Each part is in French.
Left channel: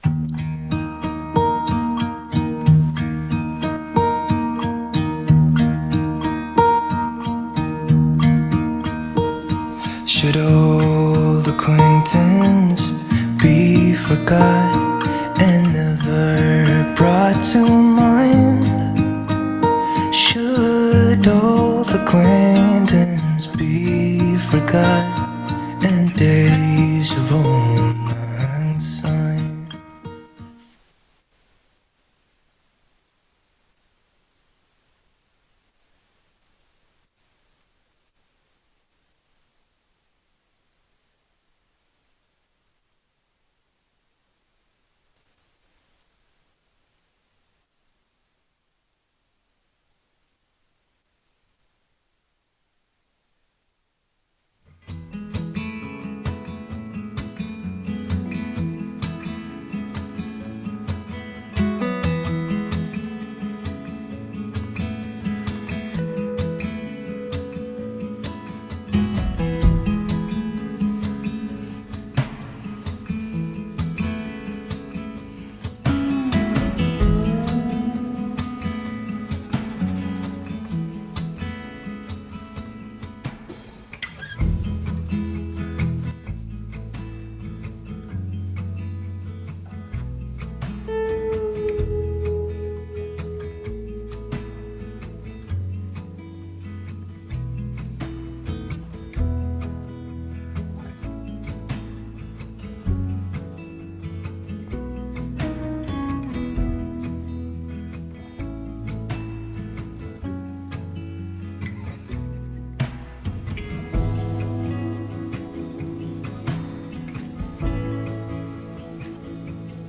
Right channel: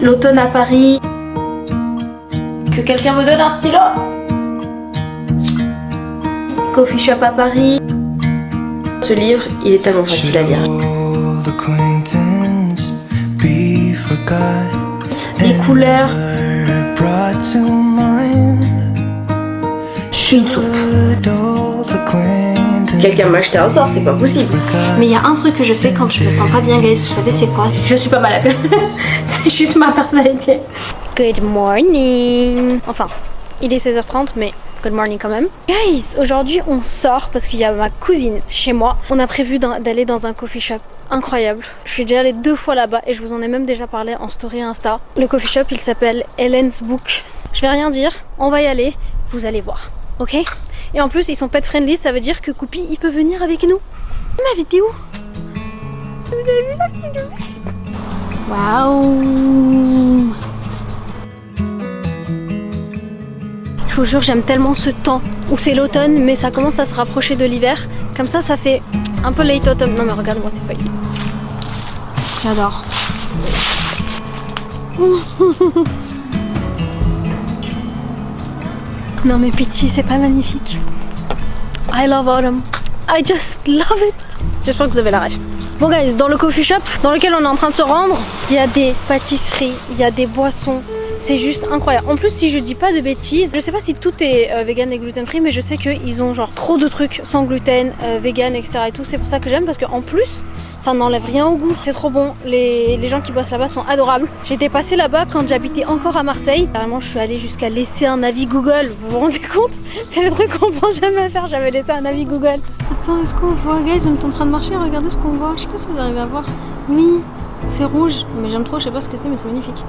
L'automne à Paris. Que quelqu'un me donne un stylo. Coffee shop à Paris. Ce livre, il est tellement facile à lire. Les couleurs. Quelqu'un m'a acheté un sort, c'est pas possible. Mais il y a un truc que je fais quand je me sens pas bien, guys, vous savez c'est quoi? Je suis pas malade. C'est juste ma personnalité. Good morning. Enfin, il est 16h30, mais good morning quand même. Guys, aujourd'hui on sort parce qu'il y a ma cousine chez moi. On a prévu d'aller dans un coffee shop incroyable. Je suis déjà allée 2 fois là-bas et je vous en ai même déjà parlé en story Insta. Le coffee shop, il s'appelle Ellen's Book. Je vais rien dire, on va y aller, vous allez voir. Ok? Et en plus, ils sont pet friendly, ça veut dire que Coupi, il peut venir avec nous. Ma vidéo. Vous avez vu sa petite veste? Waouh! Je vous jure, j'aime tellement ce temps où c'est l'automne, mais ça commence à se rapprocher de l'hiver. Comme ça fait un peu late autumn. Non mais regarde-moi ces feuilles. J'adore. Non mais pitié, c'est pas magnifique. I love autumn. I just love it. J'espère que vous avez la rêve. Bon guys, dans le coffee shop dans lequel on est en train de se rendre, il y a des pâtisseries, il y a des boissons. C'est juste incroyable. En plus, si je dis pas de bêtises, je sais pas si tout est vegan et gluten free, mais je sais qu'ils ont genre trop de trucs sans gluten, vegan, etc. et tout. C'est pour ça que j'aime, parce qu'en plus, ça n'enlève rien au goût. C'est trop bon. Les gens qui bossent là-bas sont adorables. J'étais passée là-bas quand j'habitais encore à Marseille. Carrément, je suis allée jusqu'à laisser un avis Google. Vous vous rendez compte? C'est le truc qu'on pense jamais à faire. J'avais laissé un avis Google. Attends, est-ce qu'on voit? Guys, on est en train de marcher. Regardez ce qu'on voit. Je sais pas si vous arrivez à voir. Oui, c'est rouge. Mais j'aime trop. Je sais pas ce que c'est, mais c'est magnifique.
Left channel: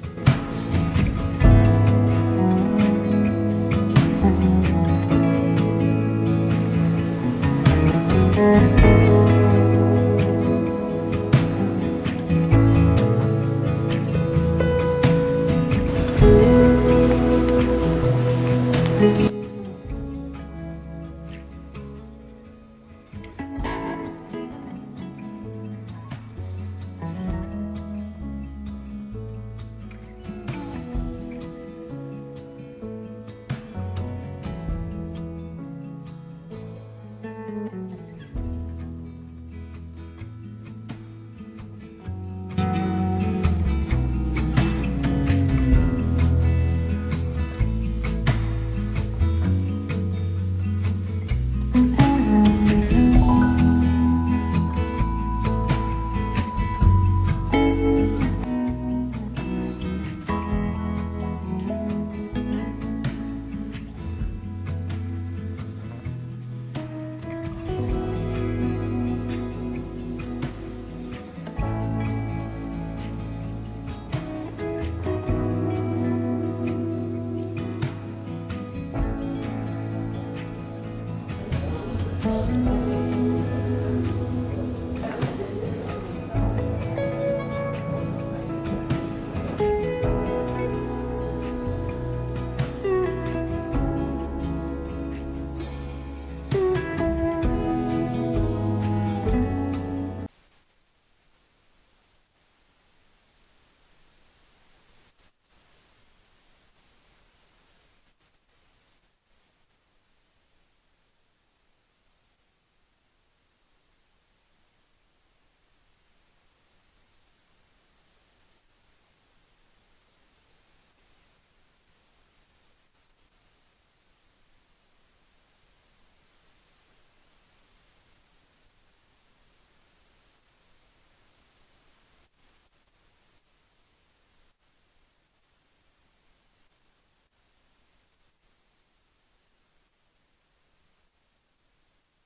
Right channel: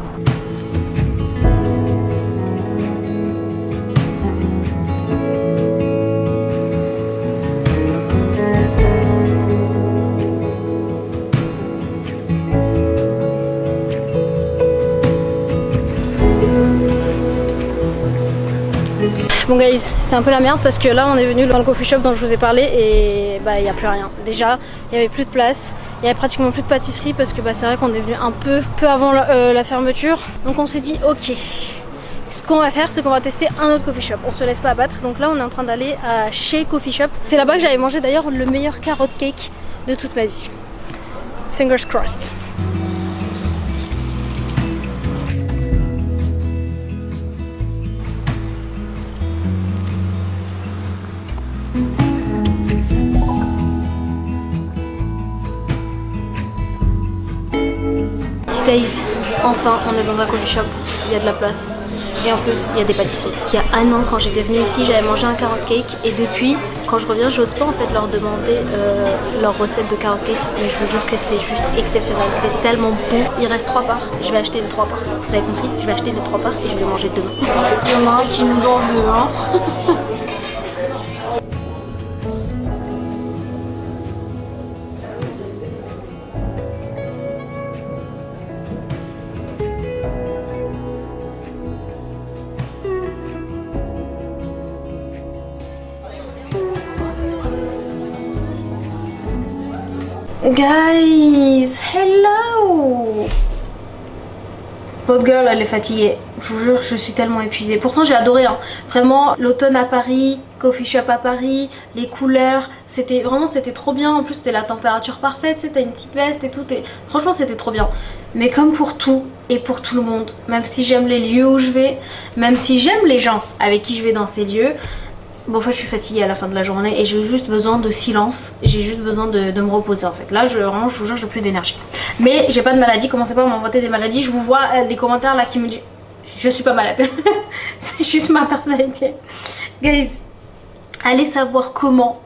Bon guys, c'est un peu la merde parce que là on est venu dans le coffee shop dont je vous ai parlé et bah il n'y a plus rien. Déjà, il n'y avait plus de place, il n'y avait pratiquement plus de pâtisserie parce que bah, c'est vrai qu'on est venu un peu avant la fermeture. Donc on s'est dit ok, ce qu'on va faire c'est qu'on va tester un autre coffee shop. On se laisse pas abattre, donc là on est en train d'aller à Chez Coffee Shop. C'est là-bas que j'avais mangé d'ailleurs le meilleur carrot cake de toute ma vie. Fingers crossed. Guys, enfin on est dans un coffee shop, il y a de la place et en plus il y a des pâtisseries. Il y a un an quand j'étais venue ici j'avais mangé un carrot cake et depuis quand je reviens j'ose pas en fait leur demander leur recette de carrot cake, mais je vous jure que c'est juste exceptionnel, c'est tellement bon. Il reste 3 parts, je vais acheter les 3 parts, vous avez compris, je vais acheter les 3 parts et je vais manger demain. Il y en a un qui nous en veut hein. Guys, hello! Votre girl, elle est fatiguée. Je vous jure, je suis tellement épuisée. Pourtant, j'ai adoré, hein. Vraiment, l'automne à Paris, coffee shop à Paris, les couleurs, c'était trop bien. En plus, c'était la température parfaite, c'était une petite veste et tout. Et franchement, c'était trop bien. Mais comme pour tout et pour tout le monde, même si j'aime les lieux où je vais, même si j'aime les gens avec qui je vais dans ces lieux, bon, en fait, je suis fatiguée à la fin de la journée et j'ai juste besoin de silence. J'ai juste besoin de me reposer en fait. Là, vraiment, je vous jure, j'ai plus d'énergie. Mais j'ai pas de maladie. Commencez pas à m'inventer des maladies. Je vous vois des commentaires là qui me disent je suis pas malade. C'est juste ma personnalité. Guys, allez savoir comment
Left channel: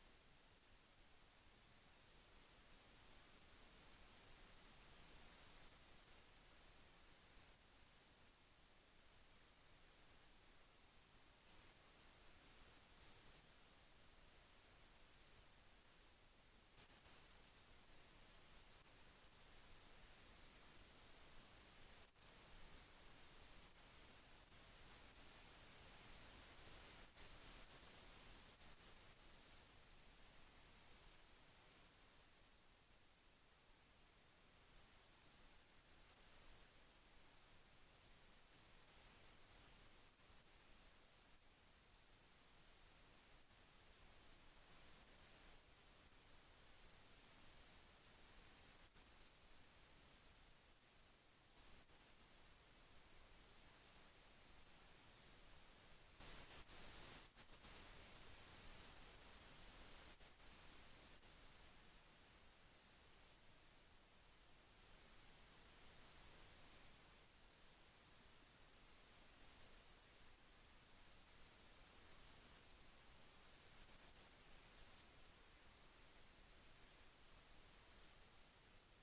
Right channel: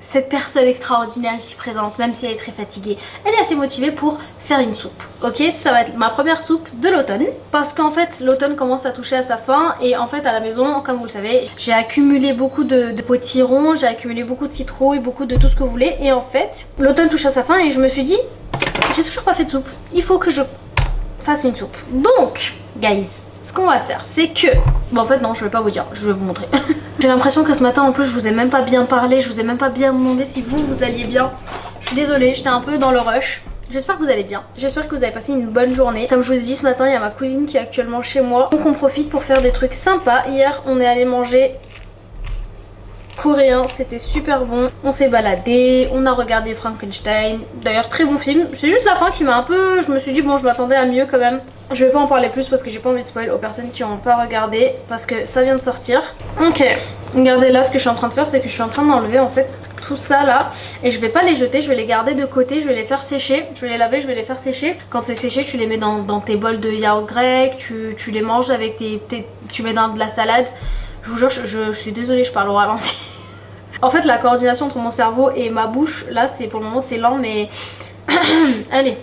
cette personne extraordinaire ici présente, même si elle est très fatiguée, elle est assez motivée pour faire une soupe. Ok, ça va être ma première soupe de l'automne parce qu'en fait l'automne commence à toucher à sa fin et en fait à la maison, comme vous le savez, j'ai accumulé beaucoup de potirons, j'ai accumulé beaucoup de citrouilles, beaucoup de tout ce que vous voulez et en fait l'automne touche à sa fin et je me suis dit j'ai toujours pas fait de soupe, il faut que je fasse une soupe. Donc guys, ce qu'on va faire c'est que bon en fait non, je vais pas vous dire, je vais vous montrer. J'ai l'impression que ce matin en plus je vous ai même pas bien parlé, je vous ai même pas bien demandé si vous alliez bien. Je suis désolée, j'étais un peu dans le rush. J'espère que vous allez bien, j'espère que vous avez passé une bonne journée. Comme je vous ai dit ce matin, il y a ma cousine qui est actuellement chez moi, donc on profite pour faire des trucs sympas. Hier on est allé manger coréen, c'était super bon. On s'est baladé, on a regardé Frankenstein. D'ailleurs très bon film, c'est juste la fin qui m'a un peu... Je me suis dit bon, je m'attendais à mieux quand même. Je vais pas en parler plus parce que j'ai pas envie de spoil aux personnes qui n'ont pas regardé, parce que ça vient de sortir. Ok, regardez là, ce que je suis en train de faire, c'est que je suis en train d'enlever en fait tout ça là, et je vais pas les jeter, je vais les garder de côté, je vais les faire sécher, je vais les laver, je vais les faire sécher. Quand c'est séché, tu les mets dans tes bols de yaourt grec, tu les manges avec tu mets dans de la salade. Je vous jure, je suis désolée, je parle au ralenti. En fait, la coordination entre mon cerveau et ma bouche, là, c'est pour le moment, c'est lent, mais... Allez,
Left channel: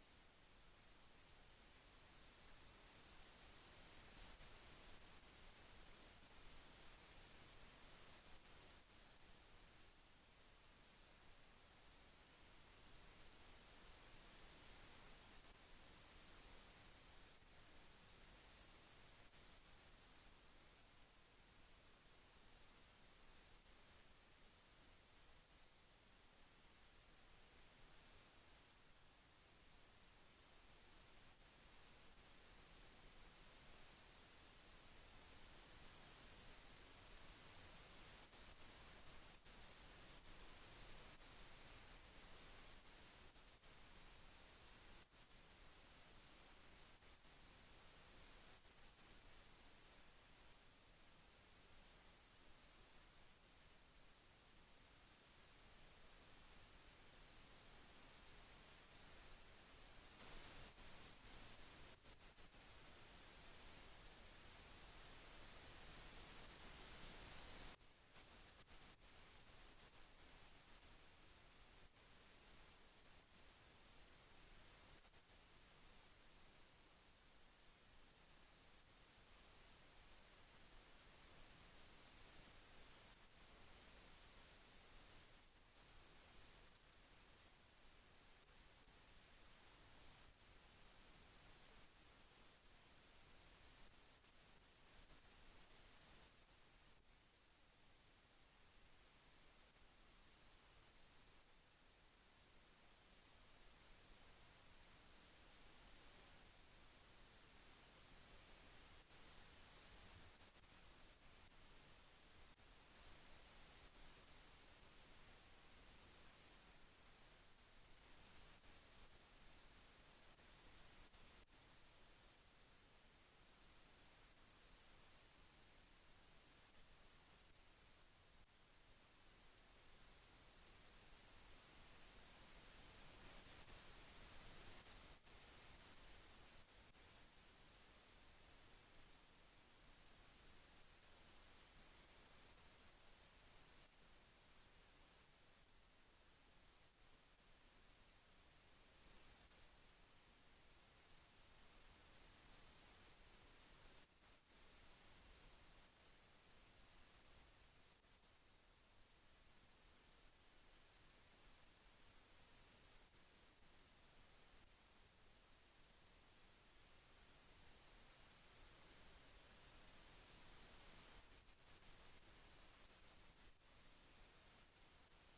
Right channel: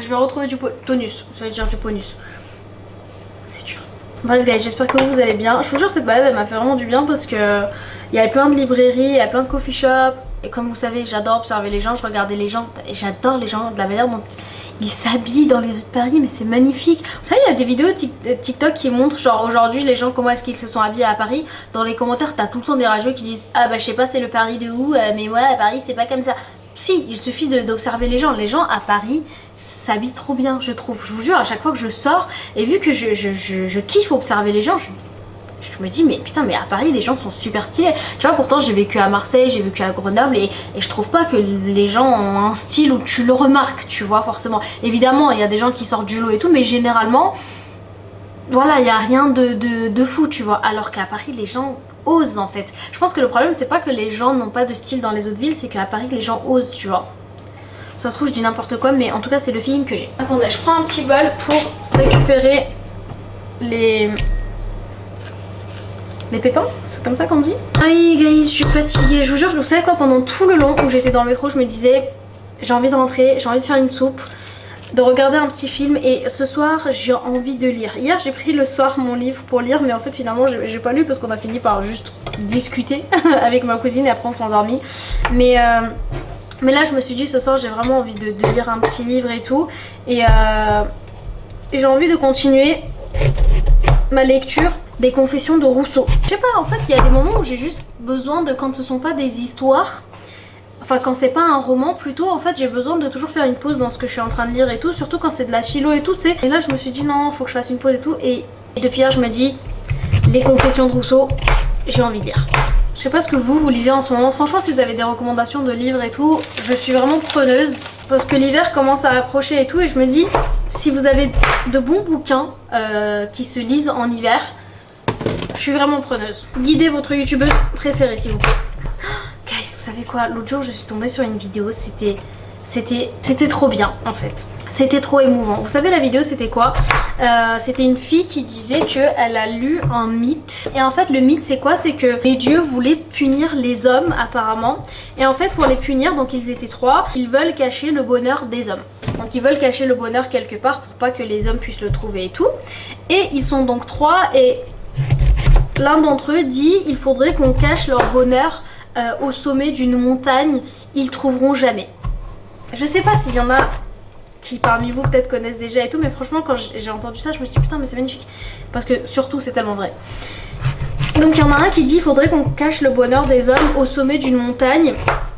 je vais retrouver du tonus, je vais dire du ponus. C'est dur. Bref, guys, j'espère que vous allez bien. Je vous jure, cette balade, elle m'a fait vraiment du bien parce que... Il y avait plein de librairies, il y a plein de coffee shops. Et comme vous savez, j'adore observer les gens, je regardais les gens. Et j'adore les gens, de la manière dont ils s'habillent dans les rues de Paris, mais c'est magnifique. Vous savez, il y a des vidéos TikTok qui montrent genre aujourd'hui les gens comment est-ce qu'ils se sont habillés à Paris. Dans les commentaires, t'as tout le temps des rageux qui disent ah bah je sais pas c'est le Paris de où, mais moi à Paris c'est pas comme ça. Si, il suffit d'observer les gens. Les gens à Paris s'habillent trop bien, je trouve. Je vous jure, à chaque fois que je sors, et vu que je kiffe observer les gens, je me dis mais putain, mais à Paris les gens sont super stylés. Tu vois, pourtant j'ai vécu à Marseille, j'ai vécu à Grenoble, et je trouve pas que les gens ont un style où tu le remarques, tu vois, forcément. Évidemment il y a des gens qui sortent du lot et tout, mais généralement voilà, il y a rien de fou, tu vois. Alors qu'à Paris les gens osent en fait. Je pense que le problème c'est pas que les gens n'ont pas de style dans les autres villes, c'est qu'à Paris les gens osent, tu vois. Ça se trouve je dis n'importe quoi, mais en tout cas c'est le feeling que j'ai. Attendez, je prends un petit bol pour récupérer les pépins, c'est comme ça qu'on dit. Aïe guys, je suis fatiguée, je vous jure, vous savez quoi, pendant tout le long où j'étais dans le métro, je me disais j'ai envie de rentrer, j'ai envie de faire une soupe, de regarder un petit film, et ce soir j'ai envie de lire. Hier j'ai pris le soir mon livre pour lire, mais en fait finalement j'ai pas lu parce qu'on a fini par juste discuter avec ma cousine et après on s'est endormi. Mais là je me suis dit ce soir j'ai vraiment envie de lire un petit livre et tout, et j'ai envie de continuer ma lecture des Confessions de Rousseau. Je sais pas, en fait il y a des moments où j'ai juste besoin de, quand ce sont pas des histoires, enfin quand c'est pas un roman plutôt, en fait j'ai besoin de toujours faire une pause dans ce que je suis en train de lire et tout, surtout quand c'est de la philo et tout, tu sais. Et là je me suis dit non, faut que je fasse une pause et tout, et depuis hier je me dis les Confessions de Rousseau, j'ai envie de lire. Je sais pas ce que vous lisez en ce moment, franchement si vous avez des recommandations de livres et tout, je suis vraiment preneuse. Parce que l'hiver commence à approcher et tout, et je me dis si vous avez de bons bouquins qui se lisent en hiver, je suis vraiment preneuse. Guidez votre youtubeuse préférée s'il vous plaît. Guys, vous savez quoi, l'autre jour je suis tombée sur une vidéo, c'était trop bien en fait. C'était trop émouvant. Vous savez la vidéo c'était quoi? C'était une fille qui disait qu'elle a lu un mythe. Et en fait le mythe c'est quoi? C'est que les dieux voulaient punir les hommes apparemment. Et en fait pour les punir, donc ils étaient 3, ils veulent cacher le bonheur des hommes. Donc ils veulent cacher le bonheur quelque part pour pas que les hommes puissent le trouver et tout. Et ils sont donc 3, et l'un d'entre eux dit il faudrait qu'on cache leur bonheur au sommet d'une montagne, ils trouveront jamais. Je sais pas s'il y en a qui parmi vous peut-être connaissent déjà et tout, mais franchement quand j'ai entendu ça je me suis dit putain mais c'est magnifique, parce que surtout c'est tellement vrai. Donc il y en a un qui dit il faudrait qu'on cache le bonheur des hommes au sommet d'une montagne,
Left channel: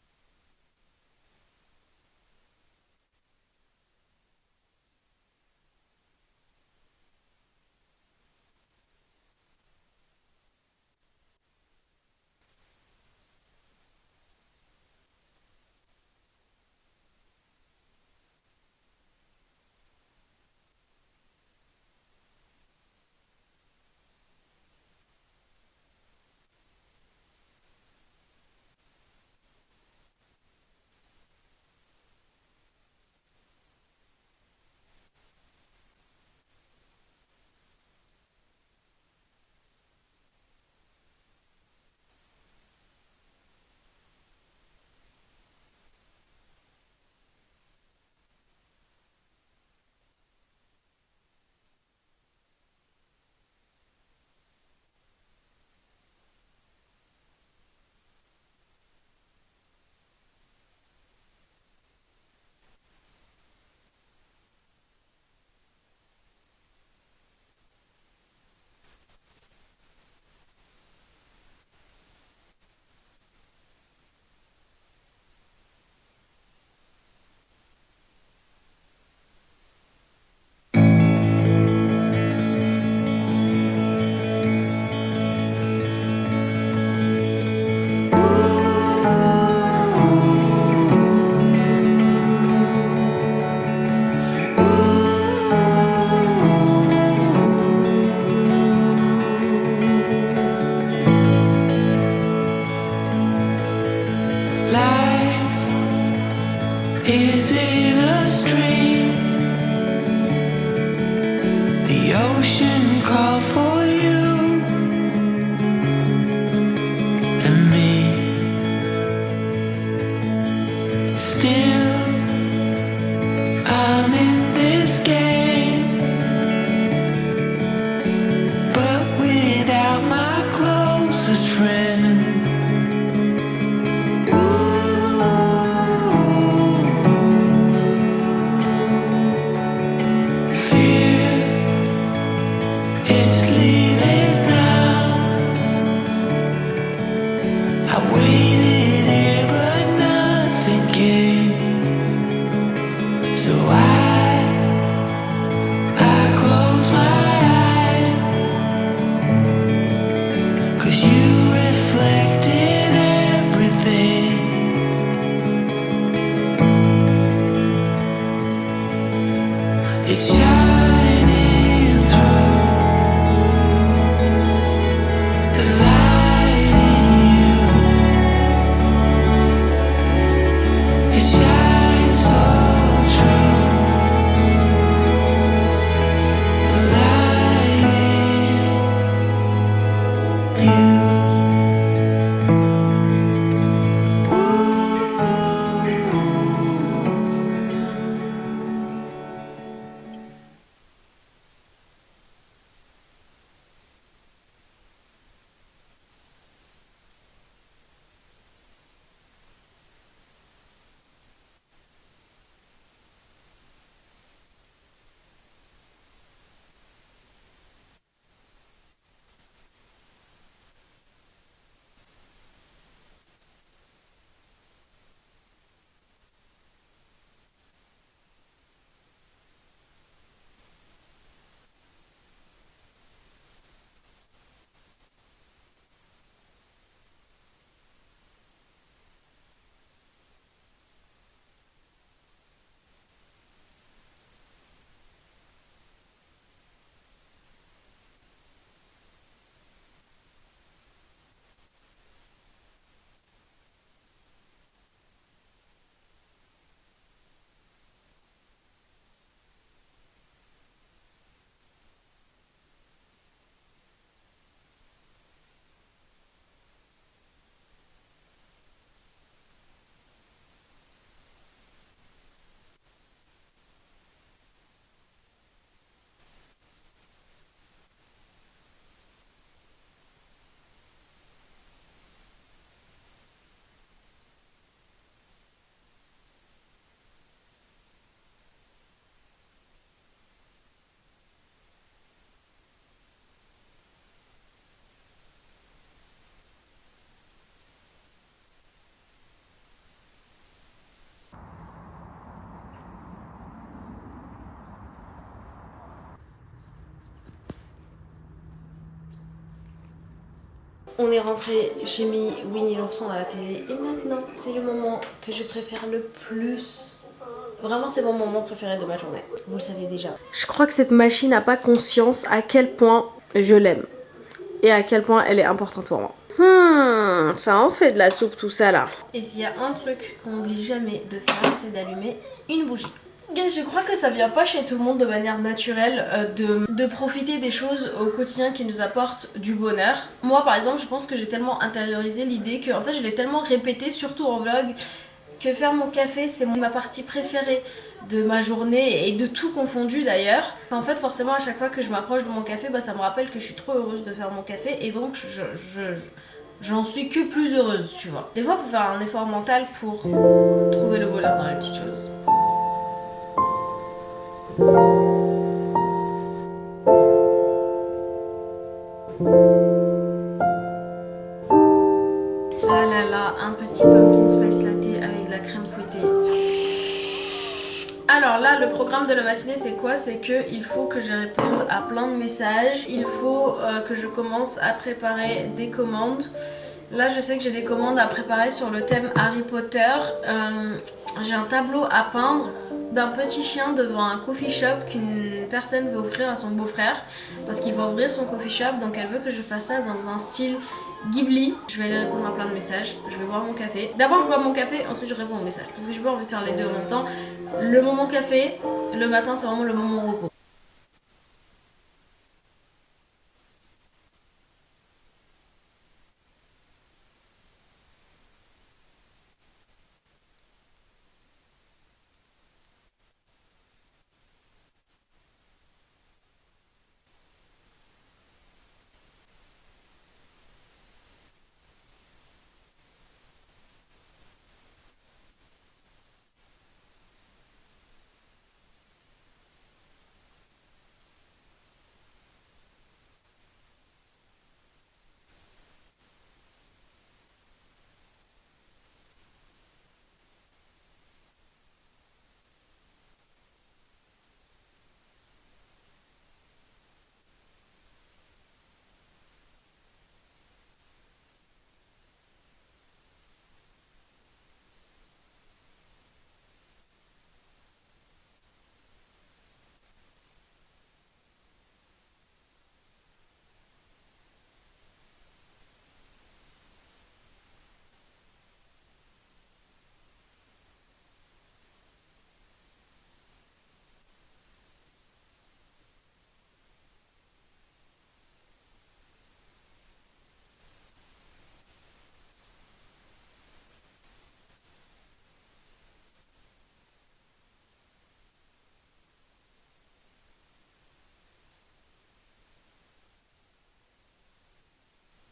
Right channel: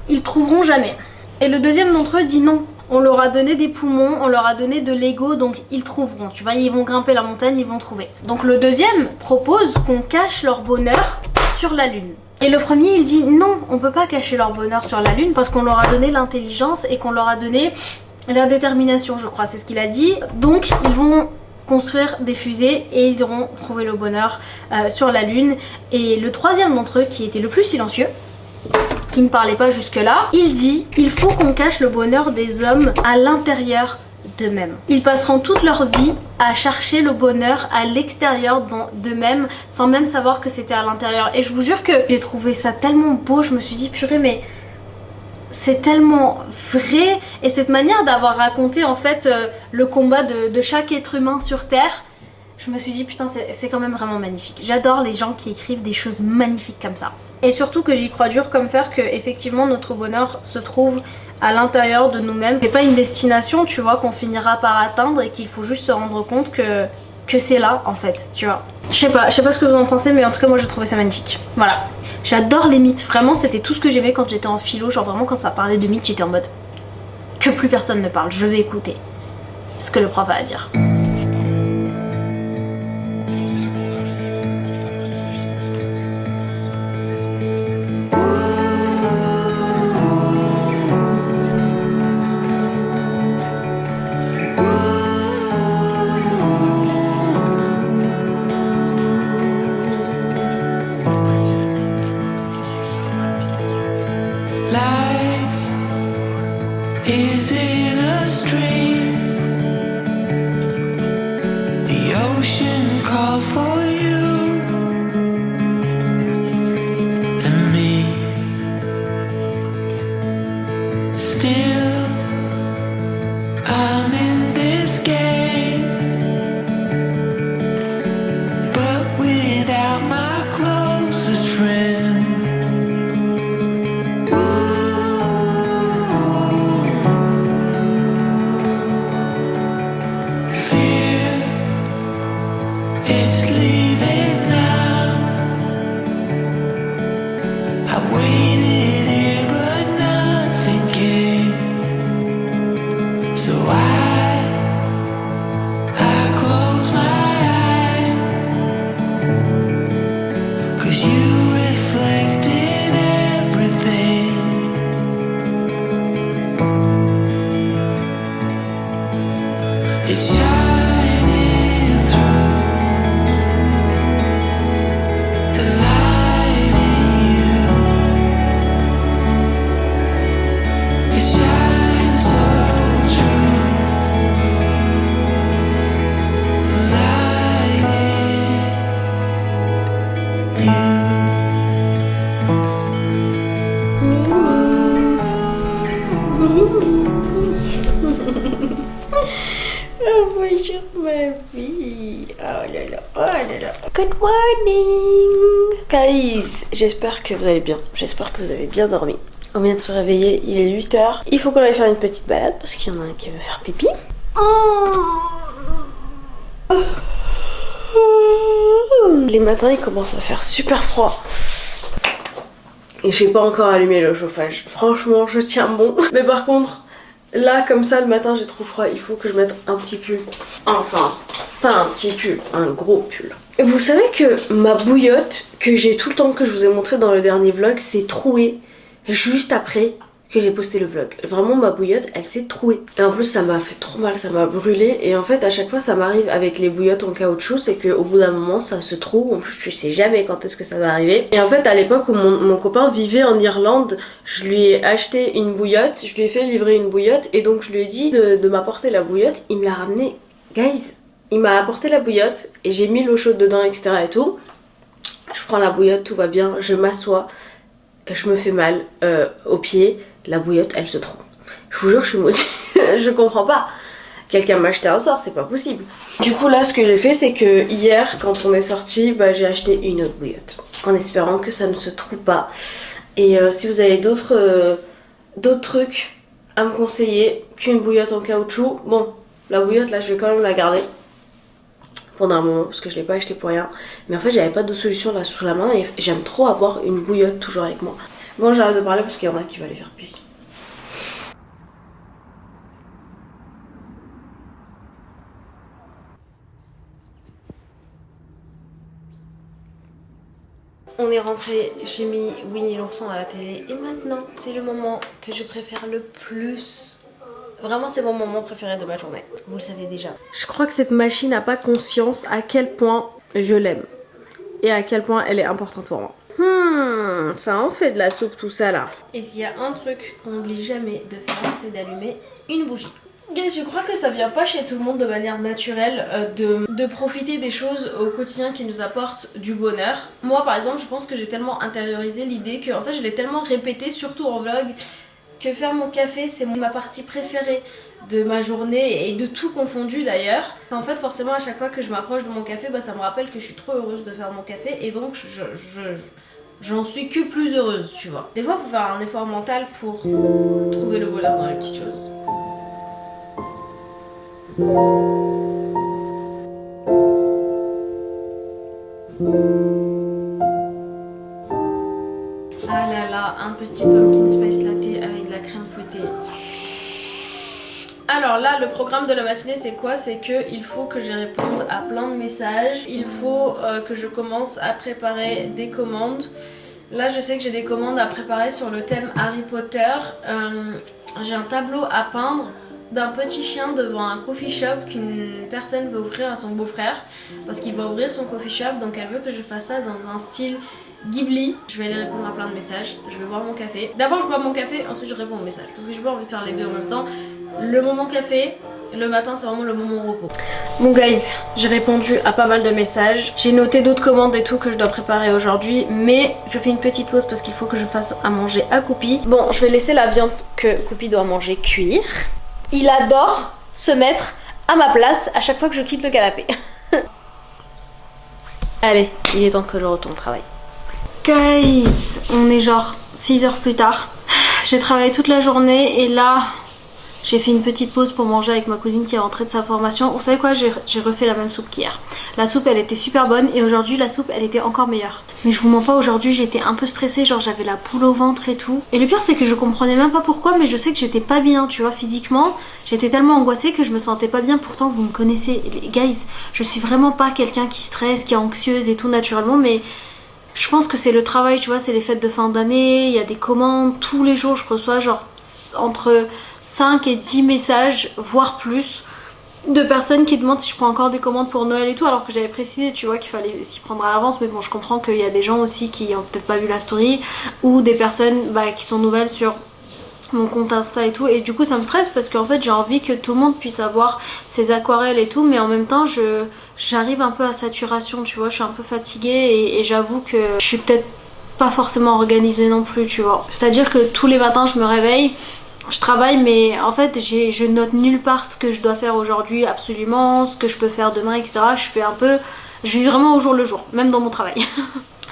ils trouveront jamais. Et le deuxième d'entre eux dit non, on leur a donné des poumons, on leur a donné de l'ego, donc ils trouveront, tu vois, ils vont grimper la montagne, ils vont trouver. Donc le deuxième propose qu'on cache leur bonheur sur la lune. Et le premier il dit non, on peut pas cacher leur bonheur sur la lune parce qu'on leur a donné l'intelligence et qu'on leur a donné la détermination, je crois, c'est ce qu'il a dit. Donc ils vont construire des fusées et ils auront trouvé le bonheur sur la lune. Et le troisième d'entre eux, qui était le plus silencieux, qui ne parlait pas jusque là, il dit il faut qu'on cache le bonheur des hommes à l'intérieur d'eux-mêmes. Ils passeront toute leur vie à chercher le bonheur à l'extérieur d'eux-mêmes sans même savoir que c'était à l'intérieur. Et je vous jure que j'ai trouvé ça tellement beau, je me suis dit purée mais c'est tellement vrai. Et cette manière d'avoir raconté en fait le combat de chaque être humain sur Terre, je me suis dit putain c'est quand même vraiment magnifique. J'adore les gens qui écrivent des choses magnifiques comme ça. Et surtout que j'y crois dur comme fer que effectivement notre bonheur se trouve à l'intérieur de nous-mêmes. C'est pas une destination, tu vois, qu'on finira par atteindre, et qu'il faut juste se rendre compte que c'est là en fait, tu vois. Je sais pas ce que vous en pensez, mais en tout cas moi je trouvais ça magnifique. Voilà, j'adore les mythes, vraiment c'était tout ce que j'aimais quand j'étais en philo, genre vraiment quand ça parlait de mythes j'étais en mode que plus personne ne parle, je vais écouter ce que le prof a à dire. Is in a stream. The ocean called for you and me. Still, I'm in this game, but without my closest friend. It's leaving now. I waited here but nothing came. So I close my eyes, 'cause you reflected everything. It's shining through. Bonjour ma vie. Oh là là, oh là là. Good morning guys, j'espère que vous allez bien, j'espère que vous avez bien dormi. On vient de se réveiller, il est 8h. Il faut qu'on aille faire une petite balade parce qu'il y en a un qui veut faire pipi. Les matins il commence à faire super froid. Et j'ai pas encore allumé le chauffage. Franchement je tiens bon. Mais par contre, là comme ça le matin j'ai trop froid. Il faut que je mette un petit pull. Enfin, pas un petit pull, un gros pull. Vous savez que ma bouillotte que j'ai tout le temps, que je vous ai montré dans le dernier vlog, s'est trouée juste après que j'ai posté le vlog. Vraiment ma bouillotte elle s'est trouée. Et en plus ça m'a fait trop mal, ça m'a brûlé. Et en fait à chaque fois ça m'arrive avec les bouillottes en caoutchouc, c'est qu'au bout d'un moment ça se trouve. En plus tu sais jamais quand est-ce que ça va arriver. Et en fait à l'époque où mon copain vivait en Irlande, je lui ai acheté une bouillotte, je lui ai fait livrer une bouillotte. Et donc je lui ai dit de m'apporter la bouillotte. Il me l'a ramenée. Guys, il m'a apporté la bouillotte et j'ai mis l'eau chaude dedans, etc. et tout. Je prends la bouillotte, tout va bien, je m'assois, je me fais mal au pied, la bouillotte elle se trouve. Je vous jure je suis maudite, je comprends pas. Quelqu'un m'a acheté un sort, c'est pas possible. Du coup là ce que j'ai fait c'est que hier quand on est sorti, bah, j'ai acheté une autre bouillotte en espérant que ça ne se trouve pas. Et si vous avez d'autres trucs à me conseiller qu'une bouillotte en caoutchouc, bon la bouillotte là je vais quand même la garder pendant un moment parce que je l'ai pas acheté pour rien, mais en fait j'avais pas de solution là sous la main et j'aime trop avoir une bouillotte toujours avec moi. Bon j'arrête de parler parce qu'il y en a qui va aller faire pipi. On est rentré, j'ai mis Winnie l'ourson à la télé et maintenant c'est le moment que je préfère le plus. Vraiment c'est mon moment préféré de ma journée, vous le savez déjà. Je crois que cette machine n'a pas conscience à quel point je l'aime et à quel point elle est importante pour moi. Ça en fait de la soupe tout ça là. Et s'il y a un truc qu'on n'oublie jamais de faire, c'est d'allumer une bougie. Guys, je crois que ça vient pas chez tout le monde de manière naturelle de profiter des choses au quotidien qui nous apportent du bonheur. Moi par exemple je pense que j'ai tellement intériorisé l'idée que en fait je l'ai tellement répété, surtout en vlog, que faire mon café c'est ma partie préférée de ma journée et de tout confondu d'ailleurs. En fait forcément à chaque fois que je m'approche de mon café, bah, ça me rappelle que je suis trop heureuse de faire mon café et donc j'en suis que plus heureuse, tu vois. Des fois il faut faire un effort mental pour trouver le bonheur dans les petites choses. Ah là là, un petit pumpkin spice latte avec de la crème fouettée. Alors là, le programme de la matinée, c'est quoi? C'est que il faut que je réponde à plein de messages. Il faut que je commence à préparer des commandes. Là, je sais que j'ai des commandes à préparer sur le thème Harry Potter. J'ai un tableau à peindre d'un petit chien devant un coffee shop qu'une personne veut offrir à son beau-frère parce qu'il va ouvrir son coffee shop, donc elle veut que je fasse ça dans un style Ghibli. Je vais aller répondre à plein de messages, je vais boire mon café. D'abord je bois mon café, ensuite je réponds aux messages parce que j'ai pas envie de faire les deux en même temps. Le moment café, le matin c'est vraiment le moment repos. Bon guys, j'ai répondu à pas mal de messages. J'ai noté d'autres commandes et tout que je dois préparer aujourd'hui, mais je fais une petite pause parce qu'il faut que je fasse à manger à Coupi. Bon, je vais laisser la viande que Coupi doit manger cuire. Il adore se mettre à ma place à chaque fois que je quitte le canapé. Allez, il est temps que je retourne au travail. Guys, on est genre 6 heures plus tard. J'ai travaillé toute la journée et là, j'ai fait une petite pause pour manger avec ma cousine qui est rentrée de sa formation. Vous savez quoi, j'ai refait la même soupe qu'hier. La soupe elle était super bonne et aujourd'hui la soupe elle était encore meilleure. Mais je vous mens pas, aujourd'hui j'étais un peu stressée, genre j'avais la poule au ventre et tout. Et le pire c'est que je comprenais même pas pourquoi, mais je sais que j'étais pas bien, tu vois, physiquement. J'étais tellement angoissée que je me sentais pas bien. Pourtant vous me connaissez, les guys, je suis vraiment pas quelqu'un qui stresse, qui est anxieuse et tout naturellement, mais je pense que c'est le travail, tu vois, c'est les fêtes de fin d'année, il y a des commandes, tous les jours je reçois genre entre 5 et 10 messages, voire plus, de personnes qui demandent si je prends encore des commandes pour Noël et tout, alors que j'avais précisé, tu vois, qu'il fallait s'y prendre à l'avance. Mais bon, je comprends qu'il y a des gens aussi qui ont peut-être pas vu la story, ou des personnes qui sont nouvelles sur mon compte Insta et tout, et du coup ça me stresse parce qu'en fait j'ai envie que tout le monde puisse avoir ses aquarelles et tout, mais en même temps j'arrive un peu à saturation, tu vois, je suis un peu fatiguée et j'avoue que je suis peut-être pas forcément organisée non plus, tu vois. C'est-à-dire que tous les matins je me réveille, je travaille, mais en fait je note nulle part ce que je dois faire aujourd'hui absolument, ce que je peux faire demain, etc. Je vis vraiment au jour le jour, même dans mon travail.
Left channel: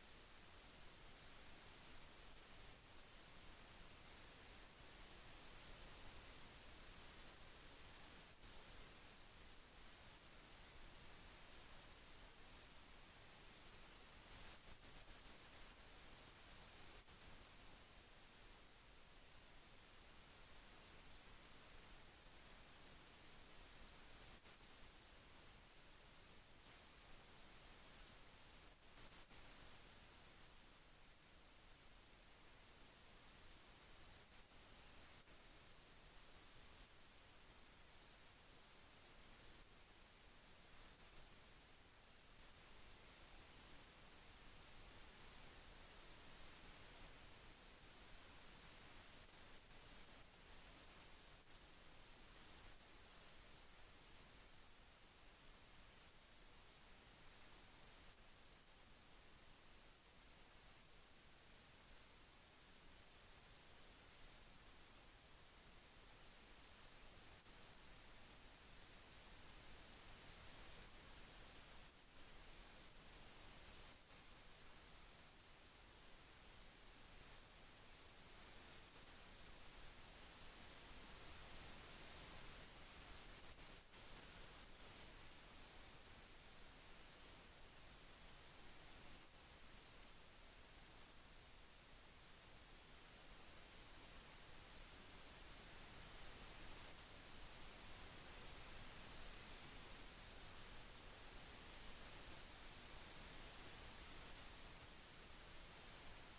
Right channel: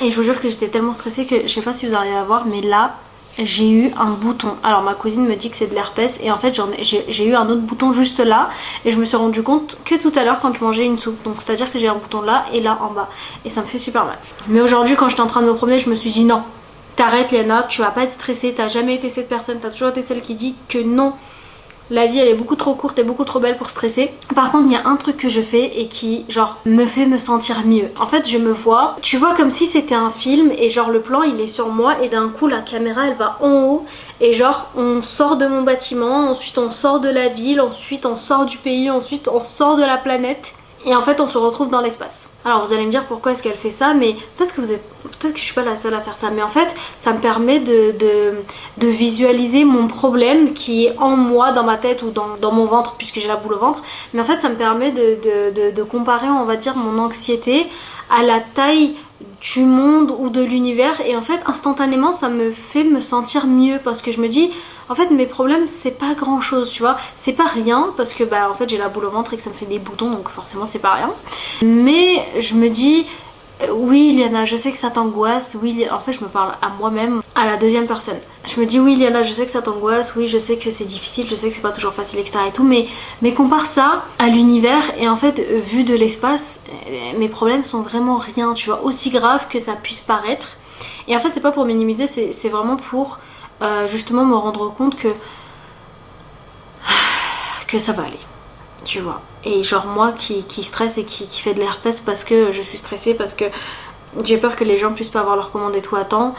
Et je vous jure que j'étais tellement stressée que je sais pas si vous arrivez à voir, mais là j'ai eu un bouton. Alors ma cousine me dit que c'est de l'herpès et en fait j'ai eu un autre bouton juste là et je me suis rendu compte que tout à l'heure quand je mangeais une soupe. Donc c'est à dire que j'ai un bouton là et là en bas et ça me fait super mal. Mais aujourd'hui quand j'étais en train de me promener, je me suis dit non, t'arrêtes Léna, tu vas pas être stressée, t'as jamais été cette personne, t'as toujours été celle qui dit que non, la vie elle est beaucoup trop courte et beaucoup trop belle pour stresser. Par contre il y a un truc que je fais et qui genre me fait me sentir mieux. En fait je me vois, tu vois, comme si c'était un film et genre le plan il est sur moi et d'un coup la caméra elle va en haut et genre on sort de mon bâtiment, ensuite on sort de la ville, ensuite on sort du pays, ensuite on sort de la planète. Et en fait on se retrouve dans l'espace. Alors vous allez me dire pourquoi est-ce qu'elle fait ça, mais peut-être que je suis pas la seule à faire ça, mais en fait ça me permet de visualiser mon problème qui est en moi, dans ma tête ou dans mon ventre puisque j'ai la boule au ventre. Mais en fait ça me permet de comparer, on va dire, mon anxiété à la taille du monde ou de l'univers, et en fait instantanément ça me fait me sentir mieux parce que je me dis en fait mes problèmes c'est pas grand chose, tu vois, c'est pas rien parce que en fait j'ai la boule au ventre et que ça me fait des boutons donc forcément c'est pas rien, mais je me dis oui Liana, je sais que ça t'angoisse, oui, en fait je me parle à moi-même, à la deuxième personne. Je me dis oui Liana, je sais que ça t'angoisse, oui je sais que c'est difficile, je sais que c'est pas toujours facile etc et tout, mais compare ça à l'univers et en fait vu de l'espace, mes problèmes sont vraiment rien, tu vois, aussi grave que ça puisse paraître. Et en fait c'est pas pour minimiser, c'est vraiment pour justement me rendre compte que ça va aller, tu vois. Et genre moi qui stresse et qui fait de l'herpès parce que je suis stressée, parce que j'ai peur que les gens puissent pas avoir leur commande et tout à temps,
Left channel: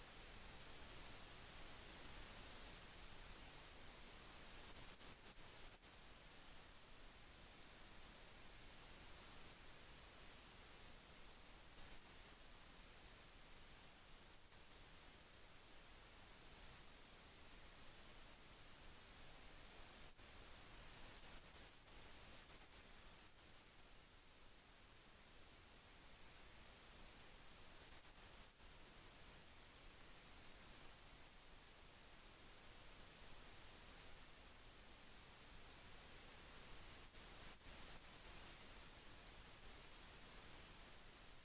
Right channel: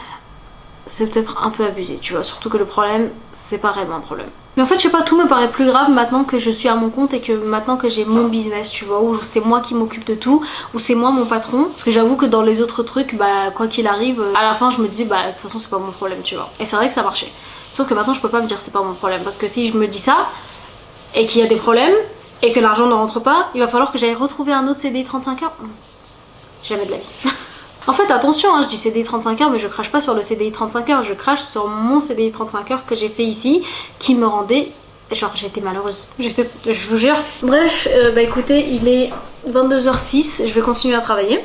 c'est peut-être un peu abusé, tu vois. Surtout que le problème c'est pas réellement un problème. Mais en fait je sais pas, tout me paraît plus grave maintenant que je suis à mon compte et que maintenant que j'ai mon business, tu vois, où c'est moi qui m'occupe de tout, où c'est moi mon patron. Parce que j'avoue que dans les autres trucs, quoi qu'il arrive, à la fin je me dis de toute façon c'est pas mon problème, tu vois. Et c'est vrai que ça marchait. Sauf que maintenant je peux pas me dire c'est pas mon problème, parce que si je me dis ça et qu'il y a des problèmes et que l'argent ne rentre pas, il va falloir que j'aille retrouver un autre CDI 35 heures. Jamais de la vie. En fait attention, je dis CDI 35 heures mais je crache pas sur le CDI 35 heures, je crache sur mon CDI 35 heures que j'ai fait ici, qui me rendait, genre j'étais malheureuse, je vous jure. Bref, écoutez, il est 22h06, je vais continuer à travailler.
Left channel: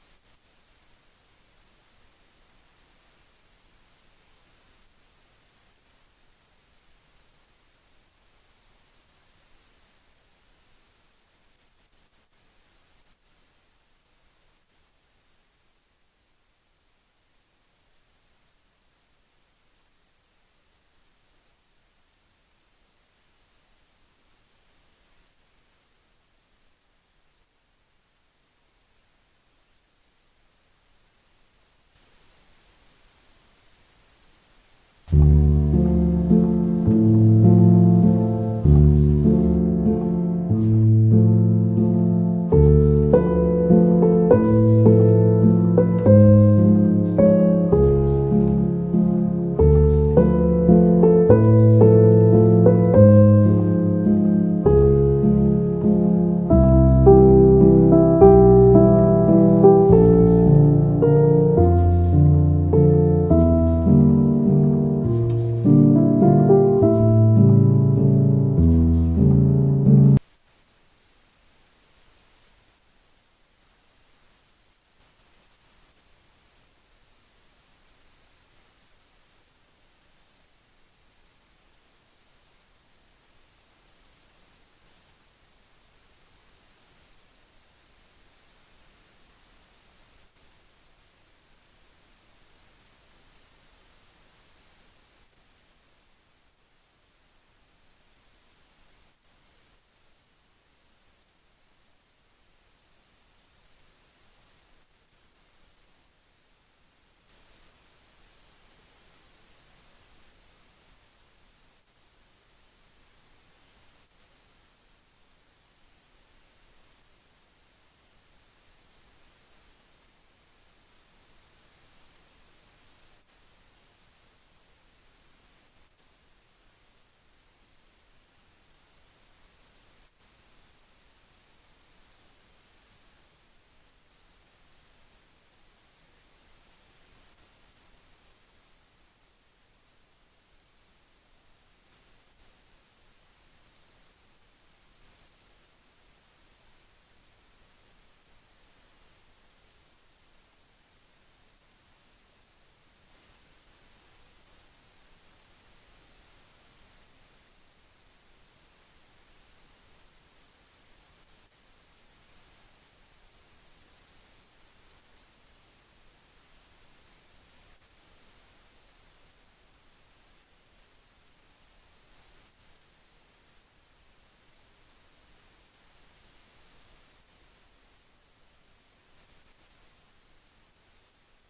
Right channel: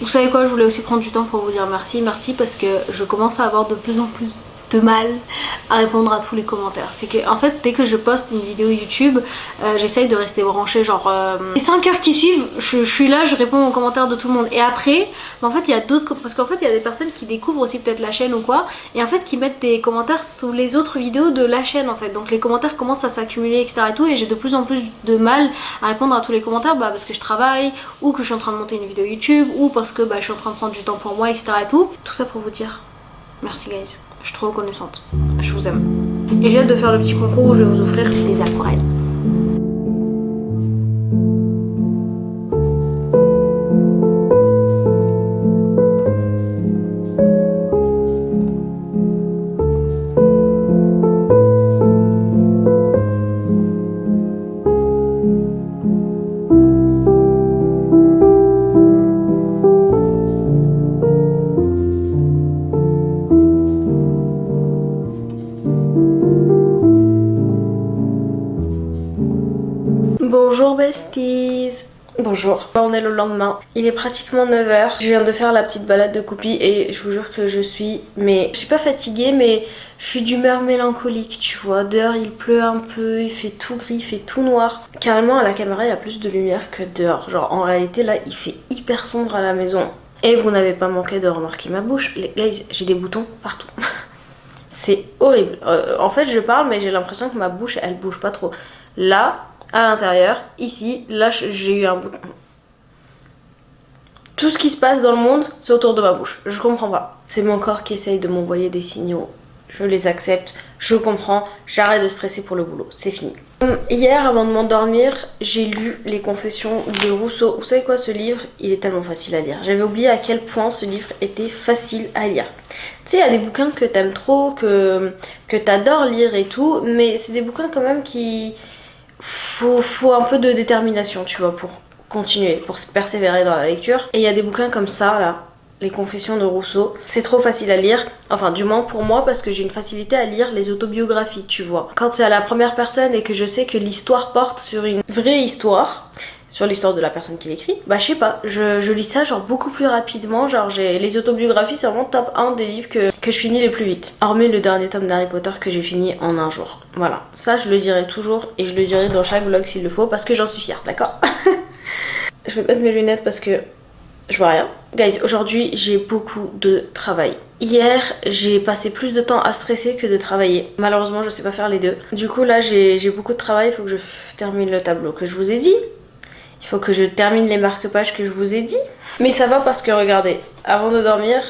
Vous savez quoi, je voulais aussi prendre du temps pour vous dire merci parce que je commence à avoir de plus en plus de mal à répondre à tous les commentaires. C'est que en fait dès que je poste une vidéo YouTube, j'essaye de rester branchée, genre les 5 heures qui suivent, je suis là, je réponds aux commentaires de tout le monde. Et après, en fait il y a d'autres, parce qu'en fait il y a des personnes qui découvrent aussi peut-être la chaîne ou quoi, et en fait qui mettent des commentaires sous les autres vidéos de la chaîne en fait. Donc les commentaires commencent à s'accumuler, etc. et tout, et j'ai de plus en plus de mal à répondre à tous les commentaires, parce que je travaille, ou que je suis en train de monter une vidéo YouTube, ou parce que je suis en train de prendre du temps pour moi, etc. et tout. Tout ça pour vous dire merci guys, je suis trop reconnaissante, je vous aime. Et j'ai hâte de faire le petit concours où je vais vous offrir des aquarelles. Bonjour besties. Bonjour. On est le lendemain. Il est pratiquement 9h. Je viens de faire la petite balade de Coupi et je vous jure que je suis pas fatiguée, mais je suis d'humeur mélancolique, tu vois. Dehors il pleut un peu, il fait tout gris, il fait tout noir. Carrément à la caméra il y a plus de lumière que dehors. Genre en réalité là il fait hyper sombre à la maison. Et vous n'avez pas manqué de remarquer ma bouche. Les guys, j'ai des boutons partout. C'est horrible. En fait je parle mais j'ai l'impression que ma bouche elle bouge pas trop. Là, à l'intérieur, ici, là j'ai eu un bouton. Tout ce qui se passe dans le monde, c'est autour de ma bouche. Je comprends pas. C'est mon corps qui essaye de m'envoyer des signaux. Je les accepte, je comprends, j'arrête de stresser pour le boulot. C'est fini. Hier, avant de m'endormir, j'ai lu Les Confessions de Rousseau. Vous savez quoi, ce livre, il est tellement facile à lire. J'avais oublié à quel point ce livre était facile à lire. Tu sais, il y a des bouquins que t'aimes trop, que t'adores lire et tout, mais c'est des bouquins quand même qui... Faut un peu de détermination, tu vois, pour continuer, pour se persévérer dans la lecture. Et il y a des bouquins comme ça, là, Les Confessions de Rousseau. C'est trop facile à lire, enfin du moins pour moi, parce que j'ai une facilité à lire les autobiographies, tu vois. Quand c'est à la première personne et que je sais que l'histoire porte sur une vraie histoire, sur l'histoire de la personne qui l'écrit, je sais pas, je lis ça genre beaucoup plus rapidement, genre les autobiographies c'est vraiment top 1 des livres que je finis les plus vite. Hormis le dernier tome d'Harry Potter que j'ai fini en un jour. Voilà, ça je le dirai toujours et je le dirai dans chaque vlog s'il le faut parce que j'en suis fière, d'accord? Je vais mettre mes lunettes parce que je vois rien. Guys, aujourd'hui j'ai beaucoup de travail. Hier j'ai passé plus de temps à stresser que de travailler. Malheureusement je sais pas faire les deux. Du coup là j'ai beaucoup de travail, il faut que je termine le tableau que je vous ai dit. Il faut que je termine les marque-pages que je vous ai dit. Mais ça va parce que regardez, avant de dormir,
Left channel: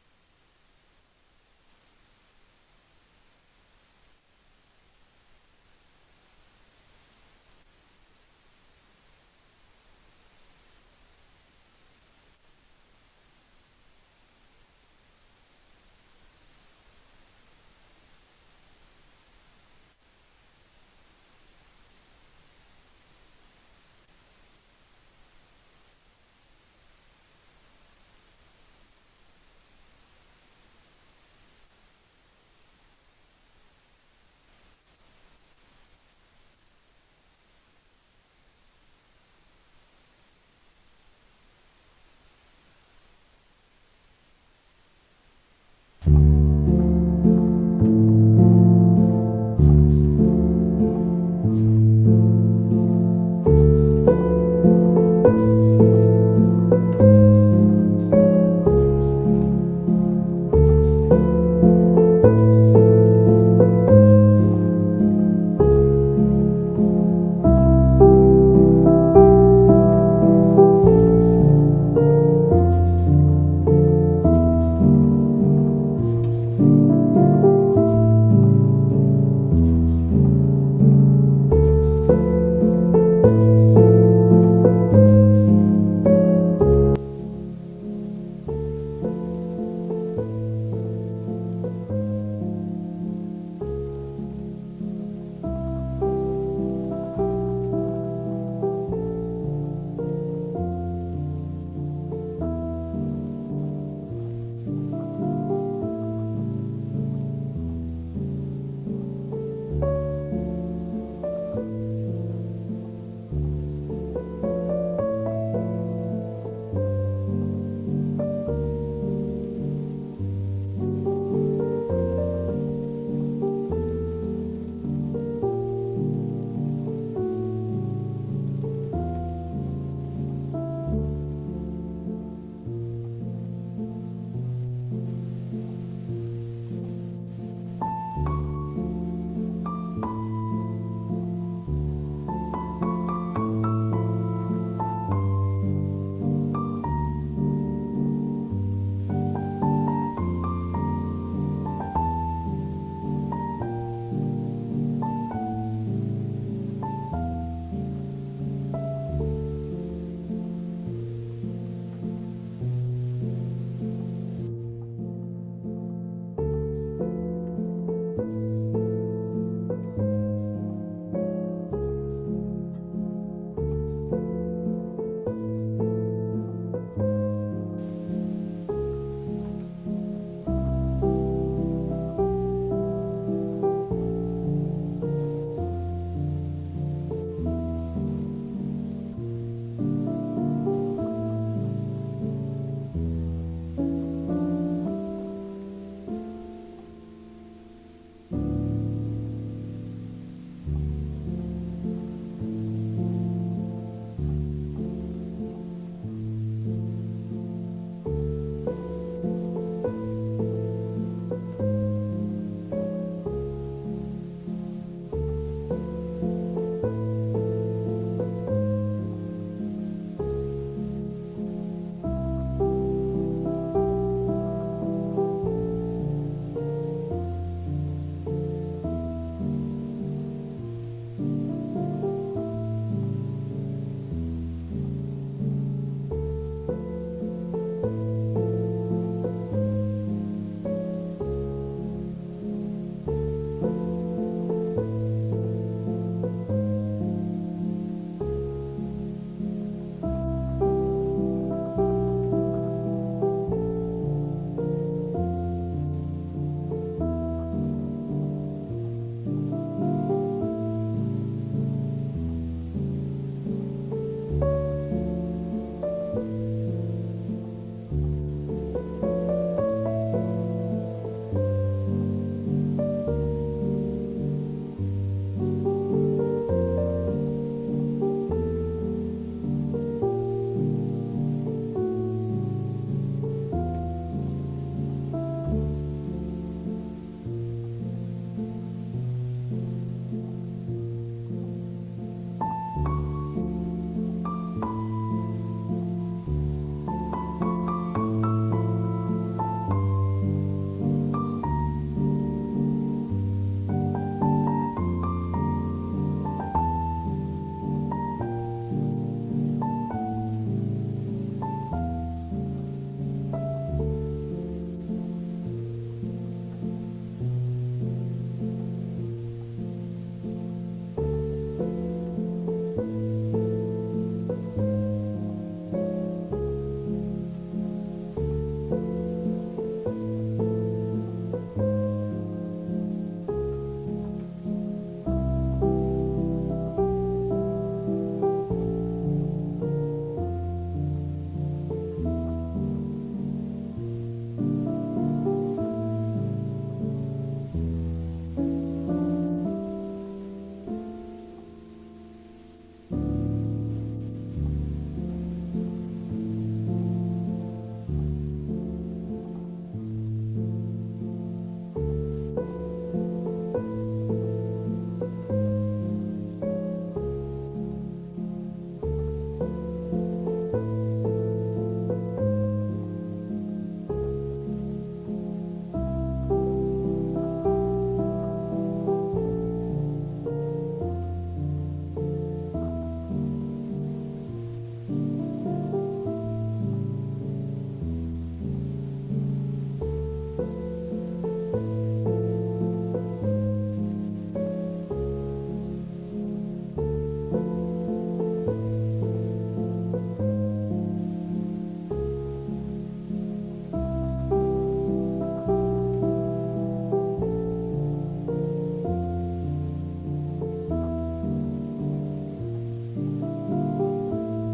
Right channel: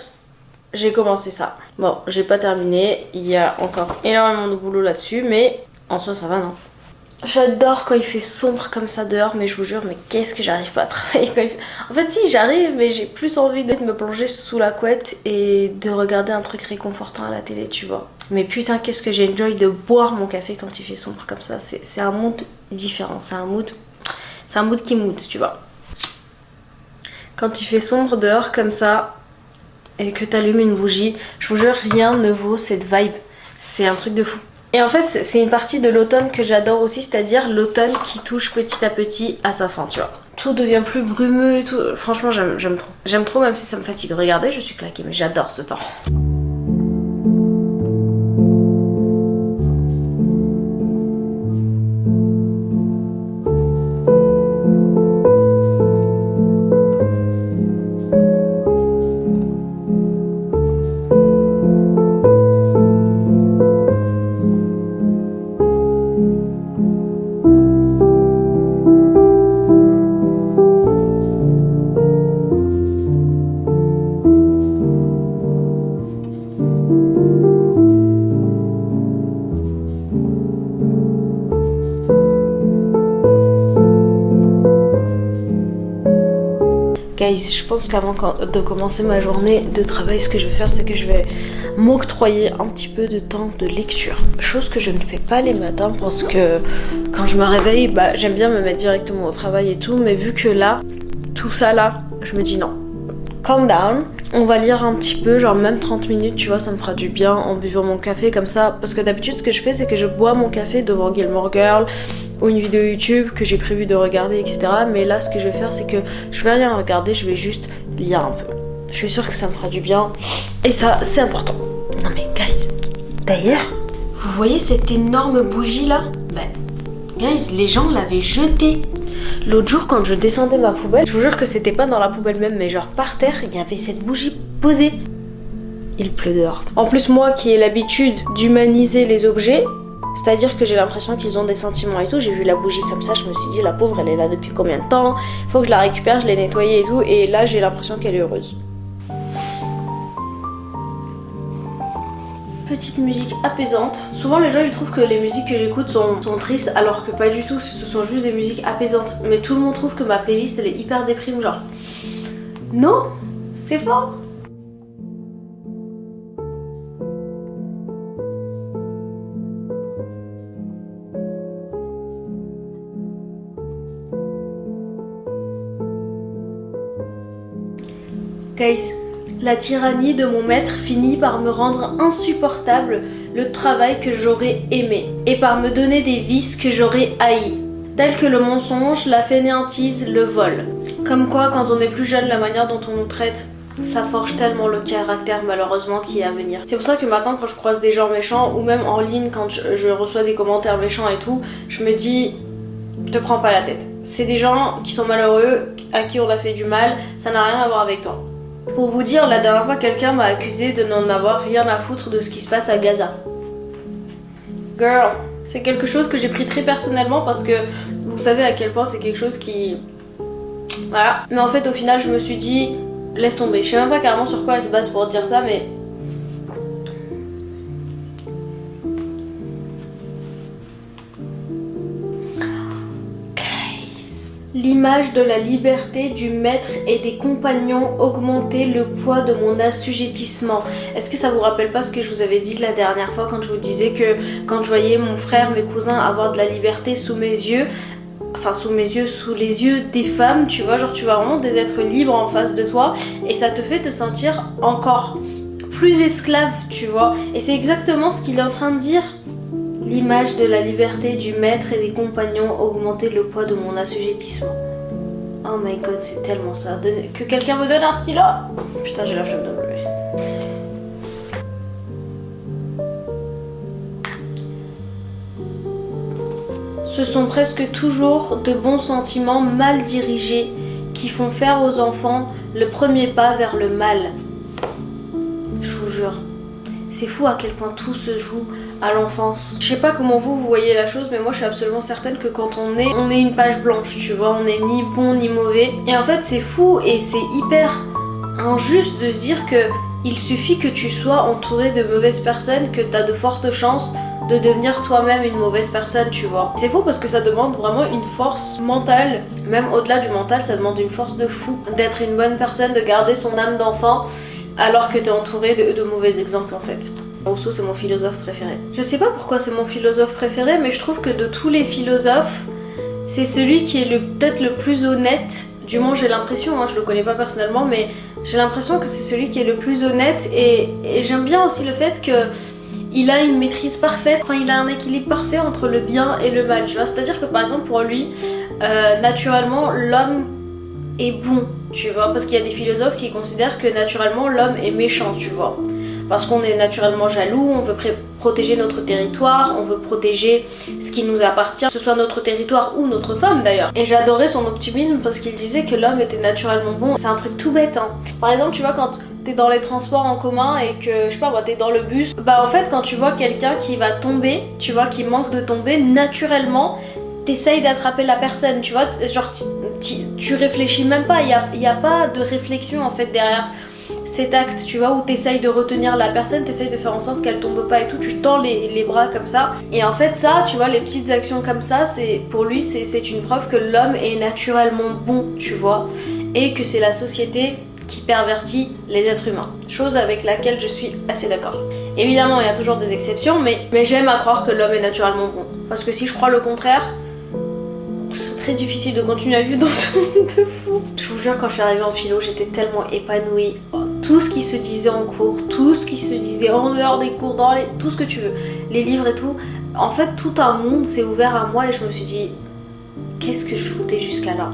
j'ai commencé ça. Bon, j'ai pas terminé, il y a encore énormément de boulot là-dessus, mais en soi ça va, non? J'adore quand il fait sombre comme ça dehors, mais je vous jure, mais qu'est-ce que j'arrive pas à travailler quand il fait... En fait si, j'arrive, mais j'ai plus envie de me plonger sous la couette et de regarder un truc réconfortant à la télé, tu vois. Mais putain, qu'est-ce que j'ai enjoy de boire mon café quand il fait sombre comme ça. C'est un mood différent, c'est un mood qui mood, tu vois. Quand il fait sombre dehors comme ça et que t'allumes une bougie, je vous jure, rien ne vaut cette vibe. C'est un truc de fou. Et en fait, c'est une partie de l'automne que j'adore aussi, c'est-à-dire l'automne qui touche petit à petit à sa fin, tu vois. Tout devient plus brumeux et tout. Franchement, j'aime trop. J'aime trop même si ça me fatigue. Regardez, je suis claquée, mais j'adore ce temps. Guys, je pense qu'avant de commencer ma journée de travail, ce que je vais faire, c'est que je vais m'octroyer un petit peu de temps de lecture. Chose que je ne fais pas les matins parce que quand je me réveille, j'aime bien me mettre directement au travail et tout, mais vu que là, tout ça là, je me dis non. Calm down. On va lire un petit peu, genre même 30 minutes, tu vois, ça me fera du bien en buvant mon café comme ça. Parce que d'habitude, ce que je fais, c'est que je bois mon café devant Gilmore Girl ou une vidéo YouTube que j'ai prévu de regarder, etc. Mais là, ce que je vais faire, c'est que je vais rien regarder, je vais juste lire un peu. Je suis sûre que ça me fera du bien. Et ça, c'est important. Non mais guys, D'ailleurs, vous voyez cette énorme bougie là? Ben, guys, les gens l'avaient jetée. L'autre jour, quand je descendais ma poubelle, je vous jure que c'était pas dans la poubelle même, mais genre par terre, il y avait cette bougie posée. Il pleut dehors. En plus, moi qui ai l'habitude d'humaniser les objets, c'est-à-dire que j'ai l'impression qu'ils ont des sentiments et tout, j'ai vu la bougie comme ça, je me suis dit, la pauvre, elle est là depuis combien de temps? Faut que je la récupère, je l'ai nettoyée et tout, et là, j'ai l'impression qu'elle est heureuse. Petite musique apaisante. Souvent les gens ils trouvent que les musiques que j'écoute sont tristes alors que pas du tout, ce sont juste des musiques apaisantes. Mais tout le monde trouve que ma playlist elle est hyper déprime genre. Non, c'est faux. Guys, la tyrannie de mon maître finit par me rendre insupportable le travail que j'aurais aimé et par me donner des vices que j'aurais haïs, tels que le mensonge, la fainéantise, le vol. Comme quoi, quand on est plus jeune, la manière dont on nous traite, ça forge tellement le caractère malheureusement qui est à venir. C'est pour ça que maintenant quand je croise des gens méchants ou même en ligne quand je reçois des commentaires méchants et tout, je me dis te prends pas la tête. C'est des gens qui sont malheureux, à qui on a fait du mal, ça n'a rien à voir avec toi. Pour vous dire, la dernière fois, quelqu'un m'a accusé de n'en avoir rien à foutre de ce qui se passe à Gaza. Girl, c'est quelque chose que j'ai pris très personnellement parce que vous savez à quel point c'est quelque chose qui... Voilà. Mais en fait, au final, je me suis dit, laisse tomber. Je sais même pas carrément sur quoi elle se base pour dire ça, mais... L'image de la liberté du maître et des compagnons augmentait le poids de mon assujettissement. Est-ce que ça vous rappelle pas ce que je vous avais dit la dernière fois quand je vous disais que quand je voyais mon frère, mes cousins avoir de la liberté sous mes yeux, enfin sous mes yeux, sous les yeux des femmes, tu vois, genre tu vois vraiment des êtres libres en face de toi et ça te fait te sentir encore plus esclave, tu vois. Et c'est exactement ce qu'il est en train de dire. L'image de la liberté du maître et des compagnons augmentait le poids de mon assujettissement. Oh my god, c'est tellement ça. Que quelqu'un me donne un stylo. Putain, j'ai la flemme de me lever. Ce sont presque toujours de bons sentiments mal dirigés qui font faire aux enfants le premier pas vers le mal. Je vous jure. C'est fou à quel point tout se joue à l'enfance. Je sais pas comment vous voyez la chose, mais moi je suis absolument certaine que quand on est une page blanche, tu vois, on est ni bon ni mauvais. Et en fait c'est fou et c'est hyper injuste de se dire que il suffit que tu sois entouré de mauvaises personnes, que t'as de fortes chances de devenir toi-même une mauvaise personne, tu vois. C'est fou parce que ça demande vraiment une force mentale, même au-delà du mental, ça demande une force de fou, d'être une bonne personne, de garder son âme d'enfant, alors que t'es entouré de mauvais exemples en fait. Rousseau c'est mon philosophe préféré. Je sais pas pourquoi c'est mon philosophe préféré, mais je trouve que de tous les philosophes, c'est celui qui est peut-être le plus honnête. Du moins j'ai l'impression, hein, je le connais pas personnellement, mais j'ai l'impression que c'est celui qui est le plus honnête et j'aime bien aussi le fait que il a une maîtrise parfaite, enfin il a un équilibre parfait entre le bien et le mal, tu vois. C'est-à-dire que par exemple pour lui, naturellement l'homme est bon, tu vois, parce qu'il y a des philosophes qui considèrent que naturellement l'homme est méchant, tu vois, parce qu'on est naturellement jaloux, on veut protéger notre territoire, on veut protéger ce qui nous appartient, que ce soit notre territoire ou notre femme d'ailleurs. Et j'adorais son optimisme parce qu'il disait que l'homme était naturellement bon. C'est un truc tout bête, hein. Par exemple, tu vois, quand t'es dans les transports en commun et que, je sais pas moi, t'es dans le bus, bah en fait quand tu vois quelqu'un qui va tomber, tu vois, qui manque de tomber, naturellement t'essayes d'attraper la personne, tu vois, genre tu réfléchis même pas, il y a pas de réflexion en fait derrière cet acte, tu vois, où t'essayes de retenir la personne, t'essayes de faire en sorte qu'elle tombe pas et tout, tu tends les bras comme ça. Et en fait ça, tu vois, les petites actions comme ça, pour lui c'est une preuve que l'homme est naturellement bon, tu vois, et que c'est la société qui pervertit les êtres humains. Chose avec laquelle je suis assez d'accord. Évidemment, il y a toujours des exceptions, mais j'aime à croire que l'homme est naturellement bon. Parce que si je crois le contraire, c'est très difficile de continuer à vivre dans ce monde de fou. Je vous jure, quand je suis arrivée en philo, j'étais tellement épanouie. Tout ce qui se disait en cours, tout ce qui se disait en dehors des cours, tout ce que tu veux, les livres et tout. En fait, tout un monde s'est ouvert à moi et je me suis dit, qu'est-ce que je foutais jusqu'à là ?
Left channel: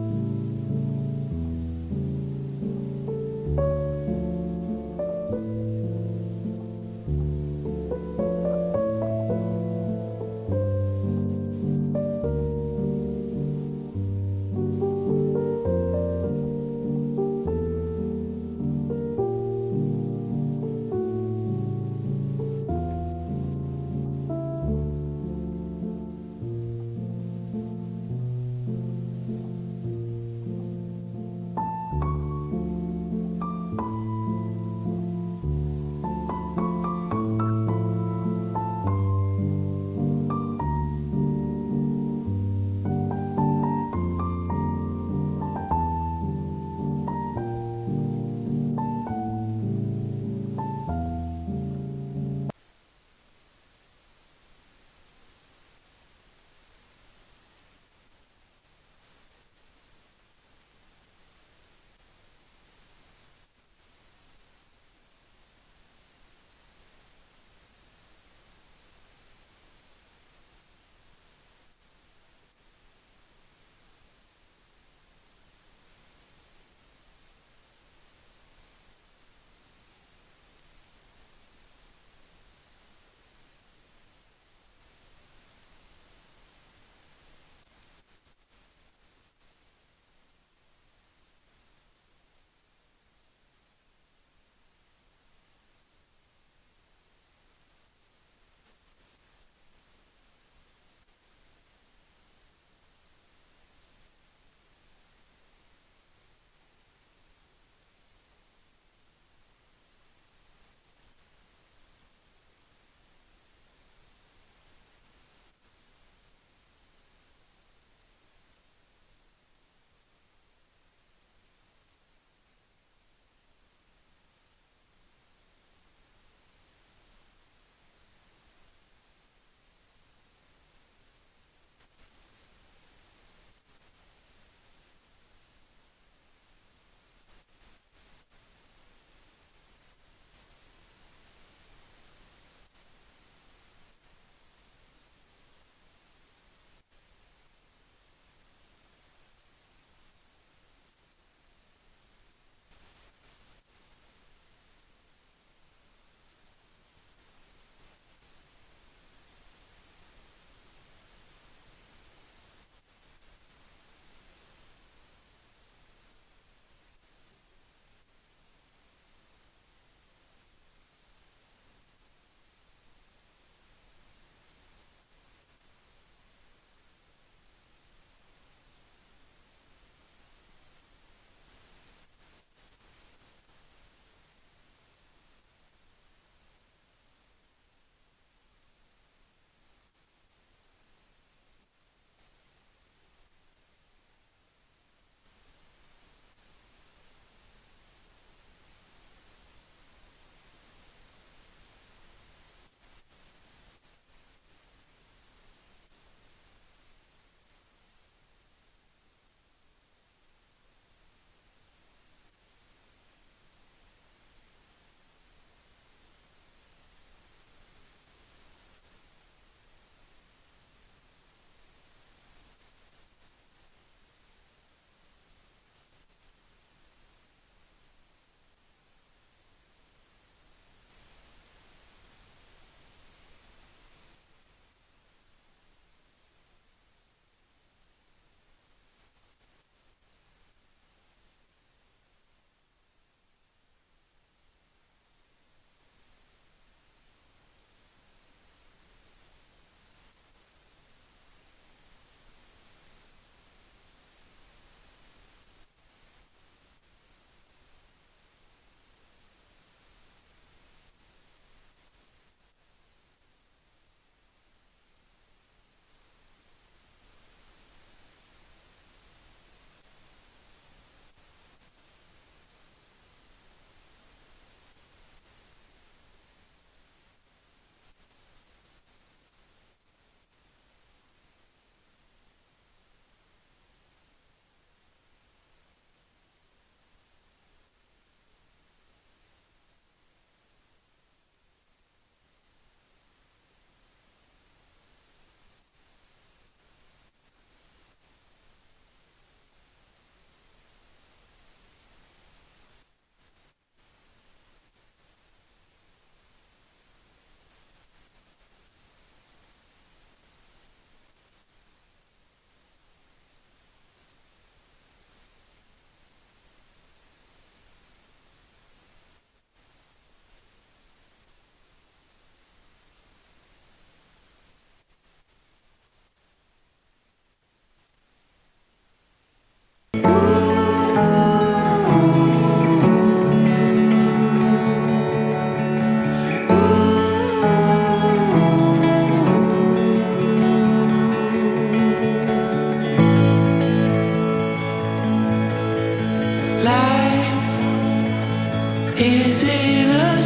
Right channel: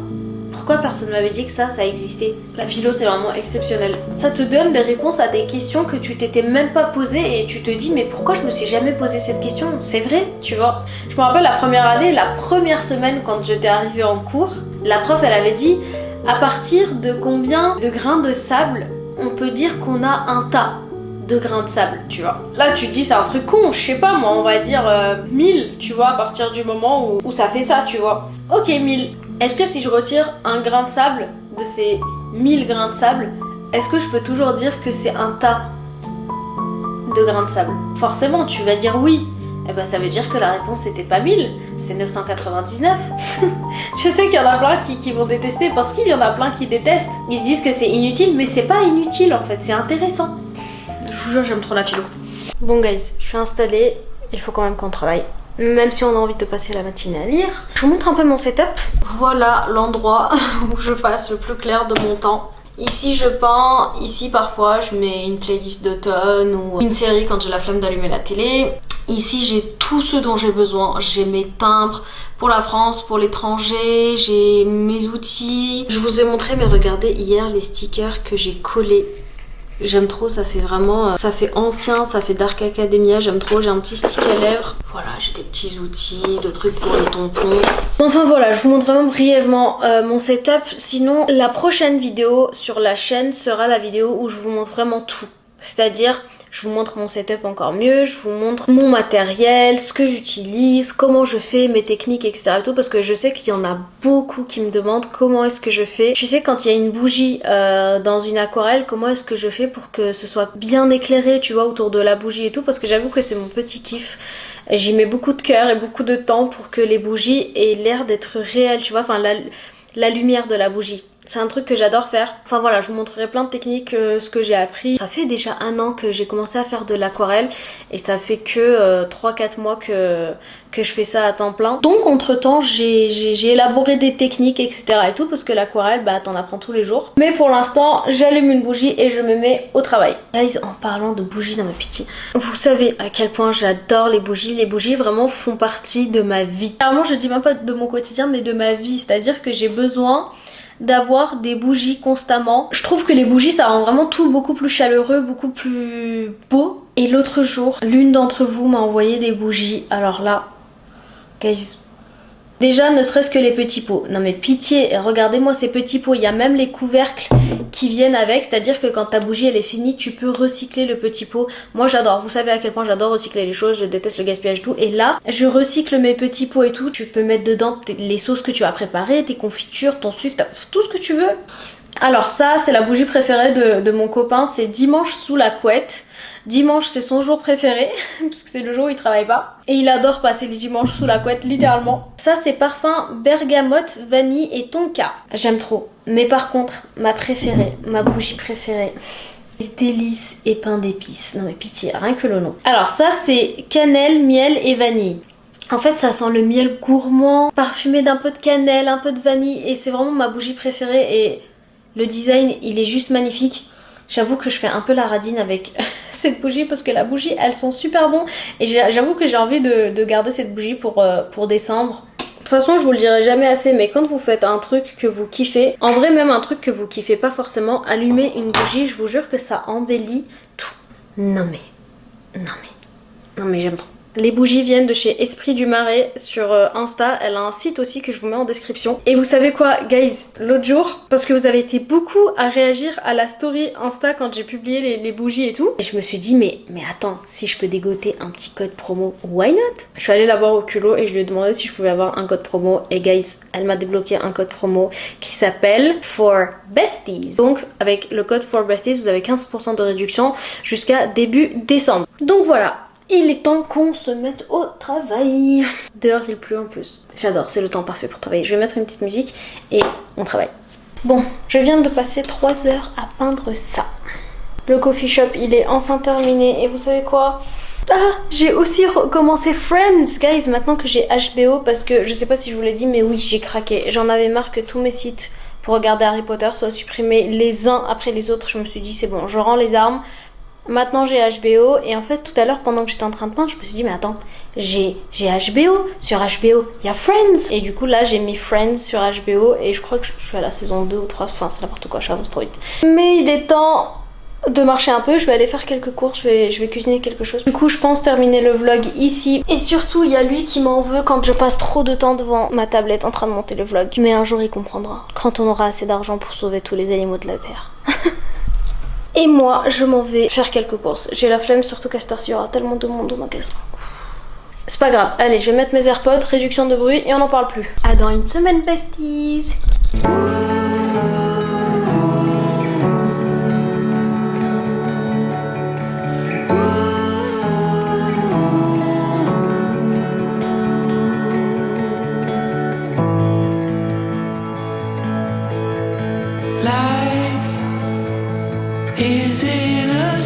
Pourquoi personne m'avait dit que ça existait? La philo c'est vraiment exceptionnel. Ça te donne des réponses à des questions que tu t'étais même pas posées et tu te dis mais pourquoi je me suis jamais posé cette question? C'est vrai, tu vois. Je me rappelle la première année, la première semaine quand j'étais arrivée en cours, la prof elle avait dit à partir de combien de grains de sable on peut dire qu'on a un tas de grains de sable, tu vois. Là tu te dis c'est un truc con, je sais pas moi, on va dire 1000, tu vois, à partir du moment où ça fait ça, tu vois. Ok, 1000. Est-ce que si je retire un grain de sable de ces 1000 grains de sable, est-ce que je peux toujours dire que c'est un tas de grains de sable? Forcément, tu vas dire oui. Eh ben ça veut dire que la réponse c'était pas 1000, c'est 999. Je sais qu'il y en a plein qui vont détester parce qu'il y en a plein qui détestent. Ils se disent que c'est inutile, mais c'est pas inutile en fait, c'est intéressant. Je vous jure, j'aime trop la philo. Bon guys, je suis installée, il faut quand même qu'on travaille. Même si on a envie de passer la matinée à lire. Je vous montre un peu mon setup. Voilà l'endroit où je passe le plus clair de mon temps. Ici je peins, ici parfois je mets une playlist d'automne ou une série quand j'ai la flemme d'allumer la télé. Ici j'ai tout ce dont j'ai besoin, j'ai mes timbres pour la France, pour l'étranger, j'ai mes outils. Je vous ai montré, mais regardez hier les stickers que j'ai collés. J'aime trop, ça fait vraiment, ça fait ancien, ça fait Dark Academia, j'aime trop, j'ai un petit stick à lèvres. Voilà, j'ai des petits outils, de trucs pour les tampons. Enfin voilà, je vous montre vraiment brièvement mon setup. Sinon, la prochaine vidéo sur la chaîne sera la vidéo où je vous montre vraiment tout. C'est-à-dire, je vous montre mon setup encore mieux, je vous montre mon matériel, ce que j'utilise, comment je fais, mes techniques, etc. Et tout, parce que je sais qu'il y en a beaucoup qui me demandent comment est-ce que je fais. Tu sais, quand il y a une bougie dans une aquarelle, comment est-ce que je fais pour que ce soit bien éclairé, tu vois, autour de la bougie et tout, parce que j'avoue que c'est mon petit kiff. J'y mets beaucoup de cœur et beaucoup de temps pour que les bougies aient l'air d'être réelles, tu vois, enfin la lumière de la bougie. C'est un truc que j'adore faire. Enfin voilà, je vous montrerai plein de techniques, ce que j'ai appris. Ça fait déjà 1 an que j'ai commencé à faire de l'aquarelle et ça fait que 3-4 mois que je fais ça à temps plein. Donc entre temps j'ai élaboré des techniques etc et tout parce que l'aquarelle bah t'en apprends tous les jours. Mais pour l'instant j'allume une bougie et je me mets au travail. Guys, en parlant de bougies dans ma pitié, vous savez à quel point j'adore les bougies. Les bougies vraiment font partie de ma vie. Clairement je dis même pas de mon quotidien mais de ma vie. C'est-à-dire que j'ai besoin d'avoir des bougies constamment. Je trouve que les bougies ça rend vraiment tout beaucoup plus chaleureux, beaucoup plus beau. Et l'autre jour, l'une d'entre vous m'a envoyé des bougies. Alors là, guys, déjà ne serait-ce que les petits pots. Non mais pitié, regardez-moi ces petits pots. Il y a même les couvercles qui viennent avec. C'est-à-dire que quand ta bougie elle est finie, tu peux recycler le petit pot. Moi j'adore, vous savez à quel point j'adore recycler les choses. Je déteste le gaspillage et tout. Et là, je recycle mes petits pots et tout. Tu peux mettre dedans les sauces que tu as préparées, tes confitures, ton sucre, tout ce que tu veux. Alors ça, c'est la bougie préférée de mon copain. C'est dimanche sous la couette. Dimanche c'est son jour préféré parce que c'est le jour où il travaille pas et il adore passer les dimanches sous la couette littéralement. Ça c'est parfum bergamote, vanille et tonka. J'aime trop. Mais par contre ma préférée, ma bougie préférée, délices et pain d'épices. Non mais pitié, rien que le nom. Alors ça c'est cannelle, miel et vanille. En fait ça sent le miel gourmand, parfumé d'un peu de cannelle, un peu de vanille et c'est vraiment ma bougie préférée et le design il est juste magnifique. J'avoue que je fais un peu la radine avec cette bougie parce que la bougie elles sont super bon et j'avoue que j'ai envie de garder cette bougie pour décembre. De toute façon je vous le dirai jamais assez mais quand vous faites un truc que vous kiffez, en vrai même un truc que vous kiffez pas forcément, allumez une bougie, je vous jure que ça embellit tout. Non mais j'aime trop. Les bougies viennent de chez Esprit du Marais sur Insta, elle a un site aussi que je vous mets en description. Et vous savez quoi guys, l'autre jour, parce que vous avez été beaucoup à réagir à la story Insta quand j'ai publié les bougies et tout, et je me suis dit mais attends, si je peux dégoter un petit code promo, why not? Je suis allée la voir au culot et je lui ai demandé si je pouvais avoir un code promo et guys, elle m'a débloqué un code promo qui s'appelle For Besties. Donc avec le code For Besties vous avez 15% de réduction jusqu'à début décembre. Donc voilà. Il est temps qu'on se mette au travail. Dehors il pleut en plus. J'adore, c'est le temps parfait pour travailler. Je vais mettre une petite musique et on travaille. Bon, je viens de passer 3 heures à peindre ça. Le coffee shop il est enfin terminé et vous savez quoi? Ah, j'ai aussi recommencé Friends, guys, maintenant que j'ai HBO parce que je sais pas si je vous l'ai dit mais oui j'ai craqué. J'en avais marre que tous mes sites pour regarder Harry Potter soient supprimés les uns après les autres. Je me suis dit c'est bon, je rends les armes. Maintenant j'ai HBO et en fait tout à l'heure pendant que j'étais en train de peindre je me suis dit mais attends j'ai HBO, sur HBO il y a Friends et du coup là j'ai mis Friends sur HBO et je crois que je suis à la saison 2 ou 3, enfin c'est n'importe quoi, j'avance trop vite. Mais il est temps de marcher un peu, je vais aller faire quelques courses, je vais cuisiner quelque chose. Du coup je pense terminer le vlog ici et surtout il y a lui qui m'en veut quand je passe trop de temps devant ma tablette en train de monter le vlog. Mais un jour il comprendra, quand on aura assez d'argent pour sauver tous les animaux de la terre. Et moi, je m'en vais faire quelques courses. J'ai la flemme, surtout qu'à cette heure-ci, il y aura tellement de monde au magasin. C'est pas grave. Allez, je vais mettre mes AirPods, réduction de bruit et on n'en parle plus. À dans une semaine, besties. Life is in a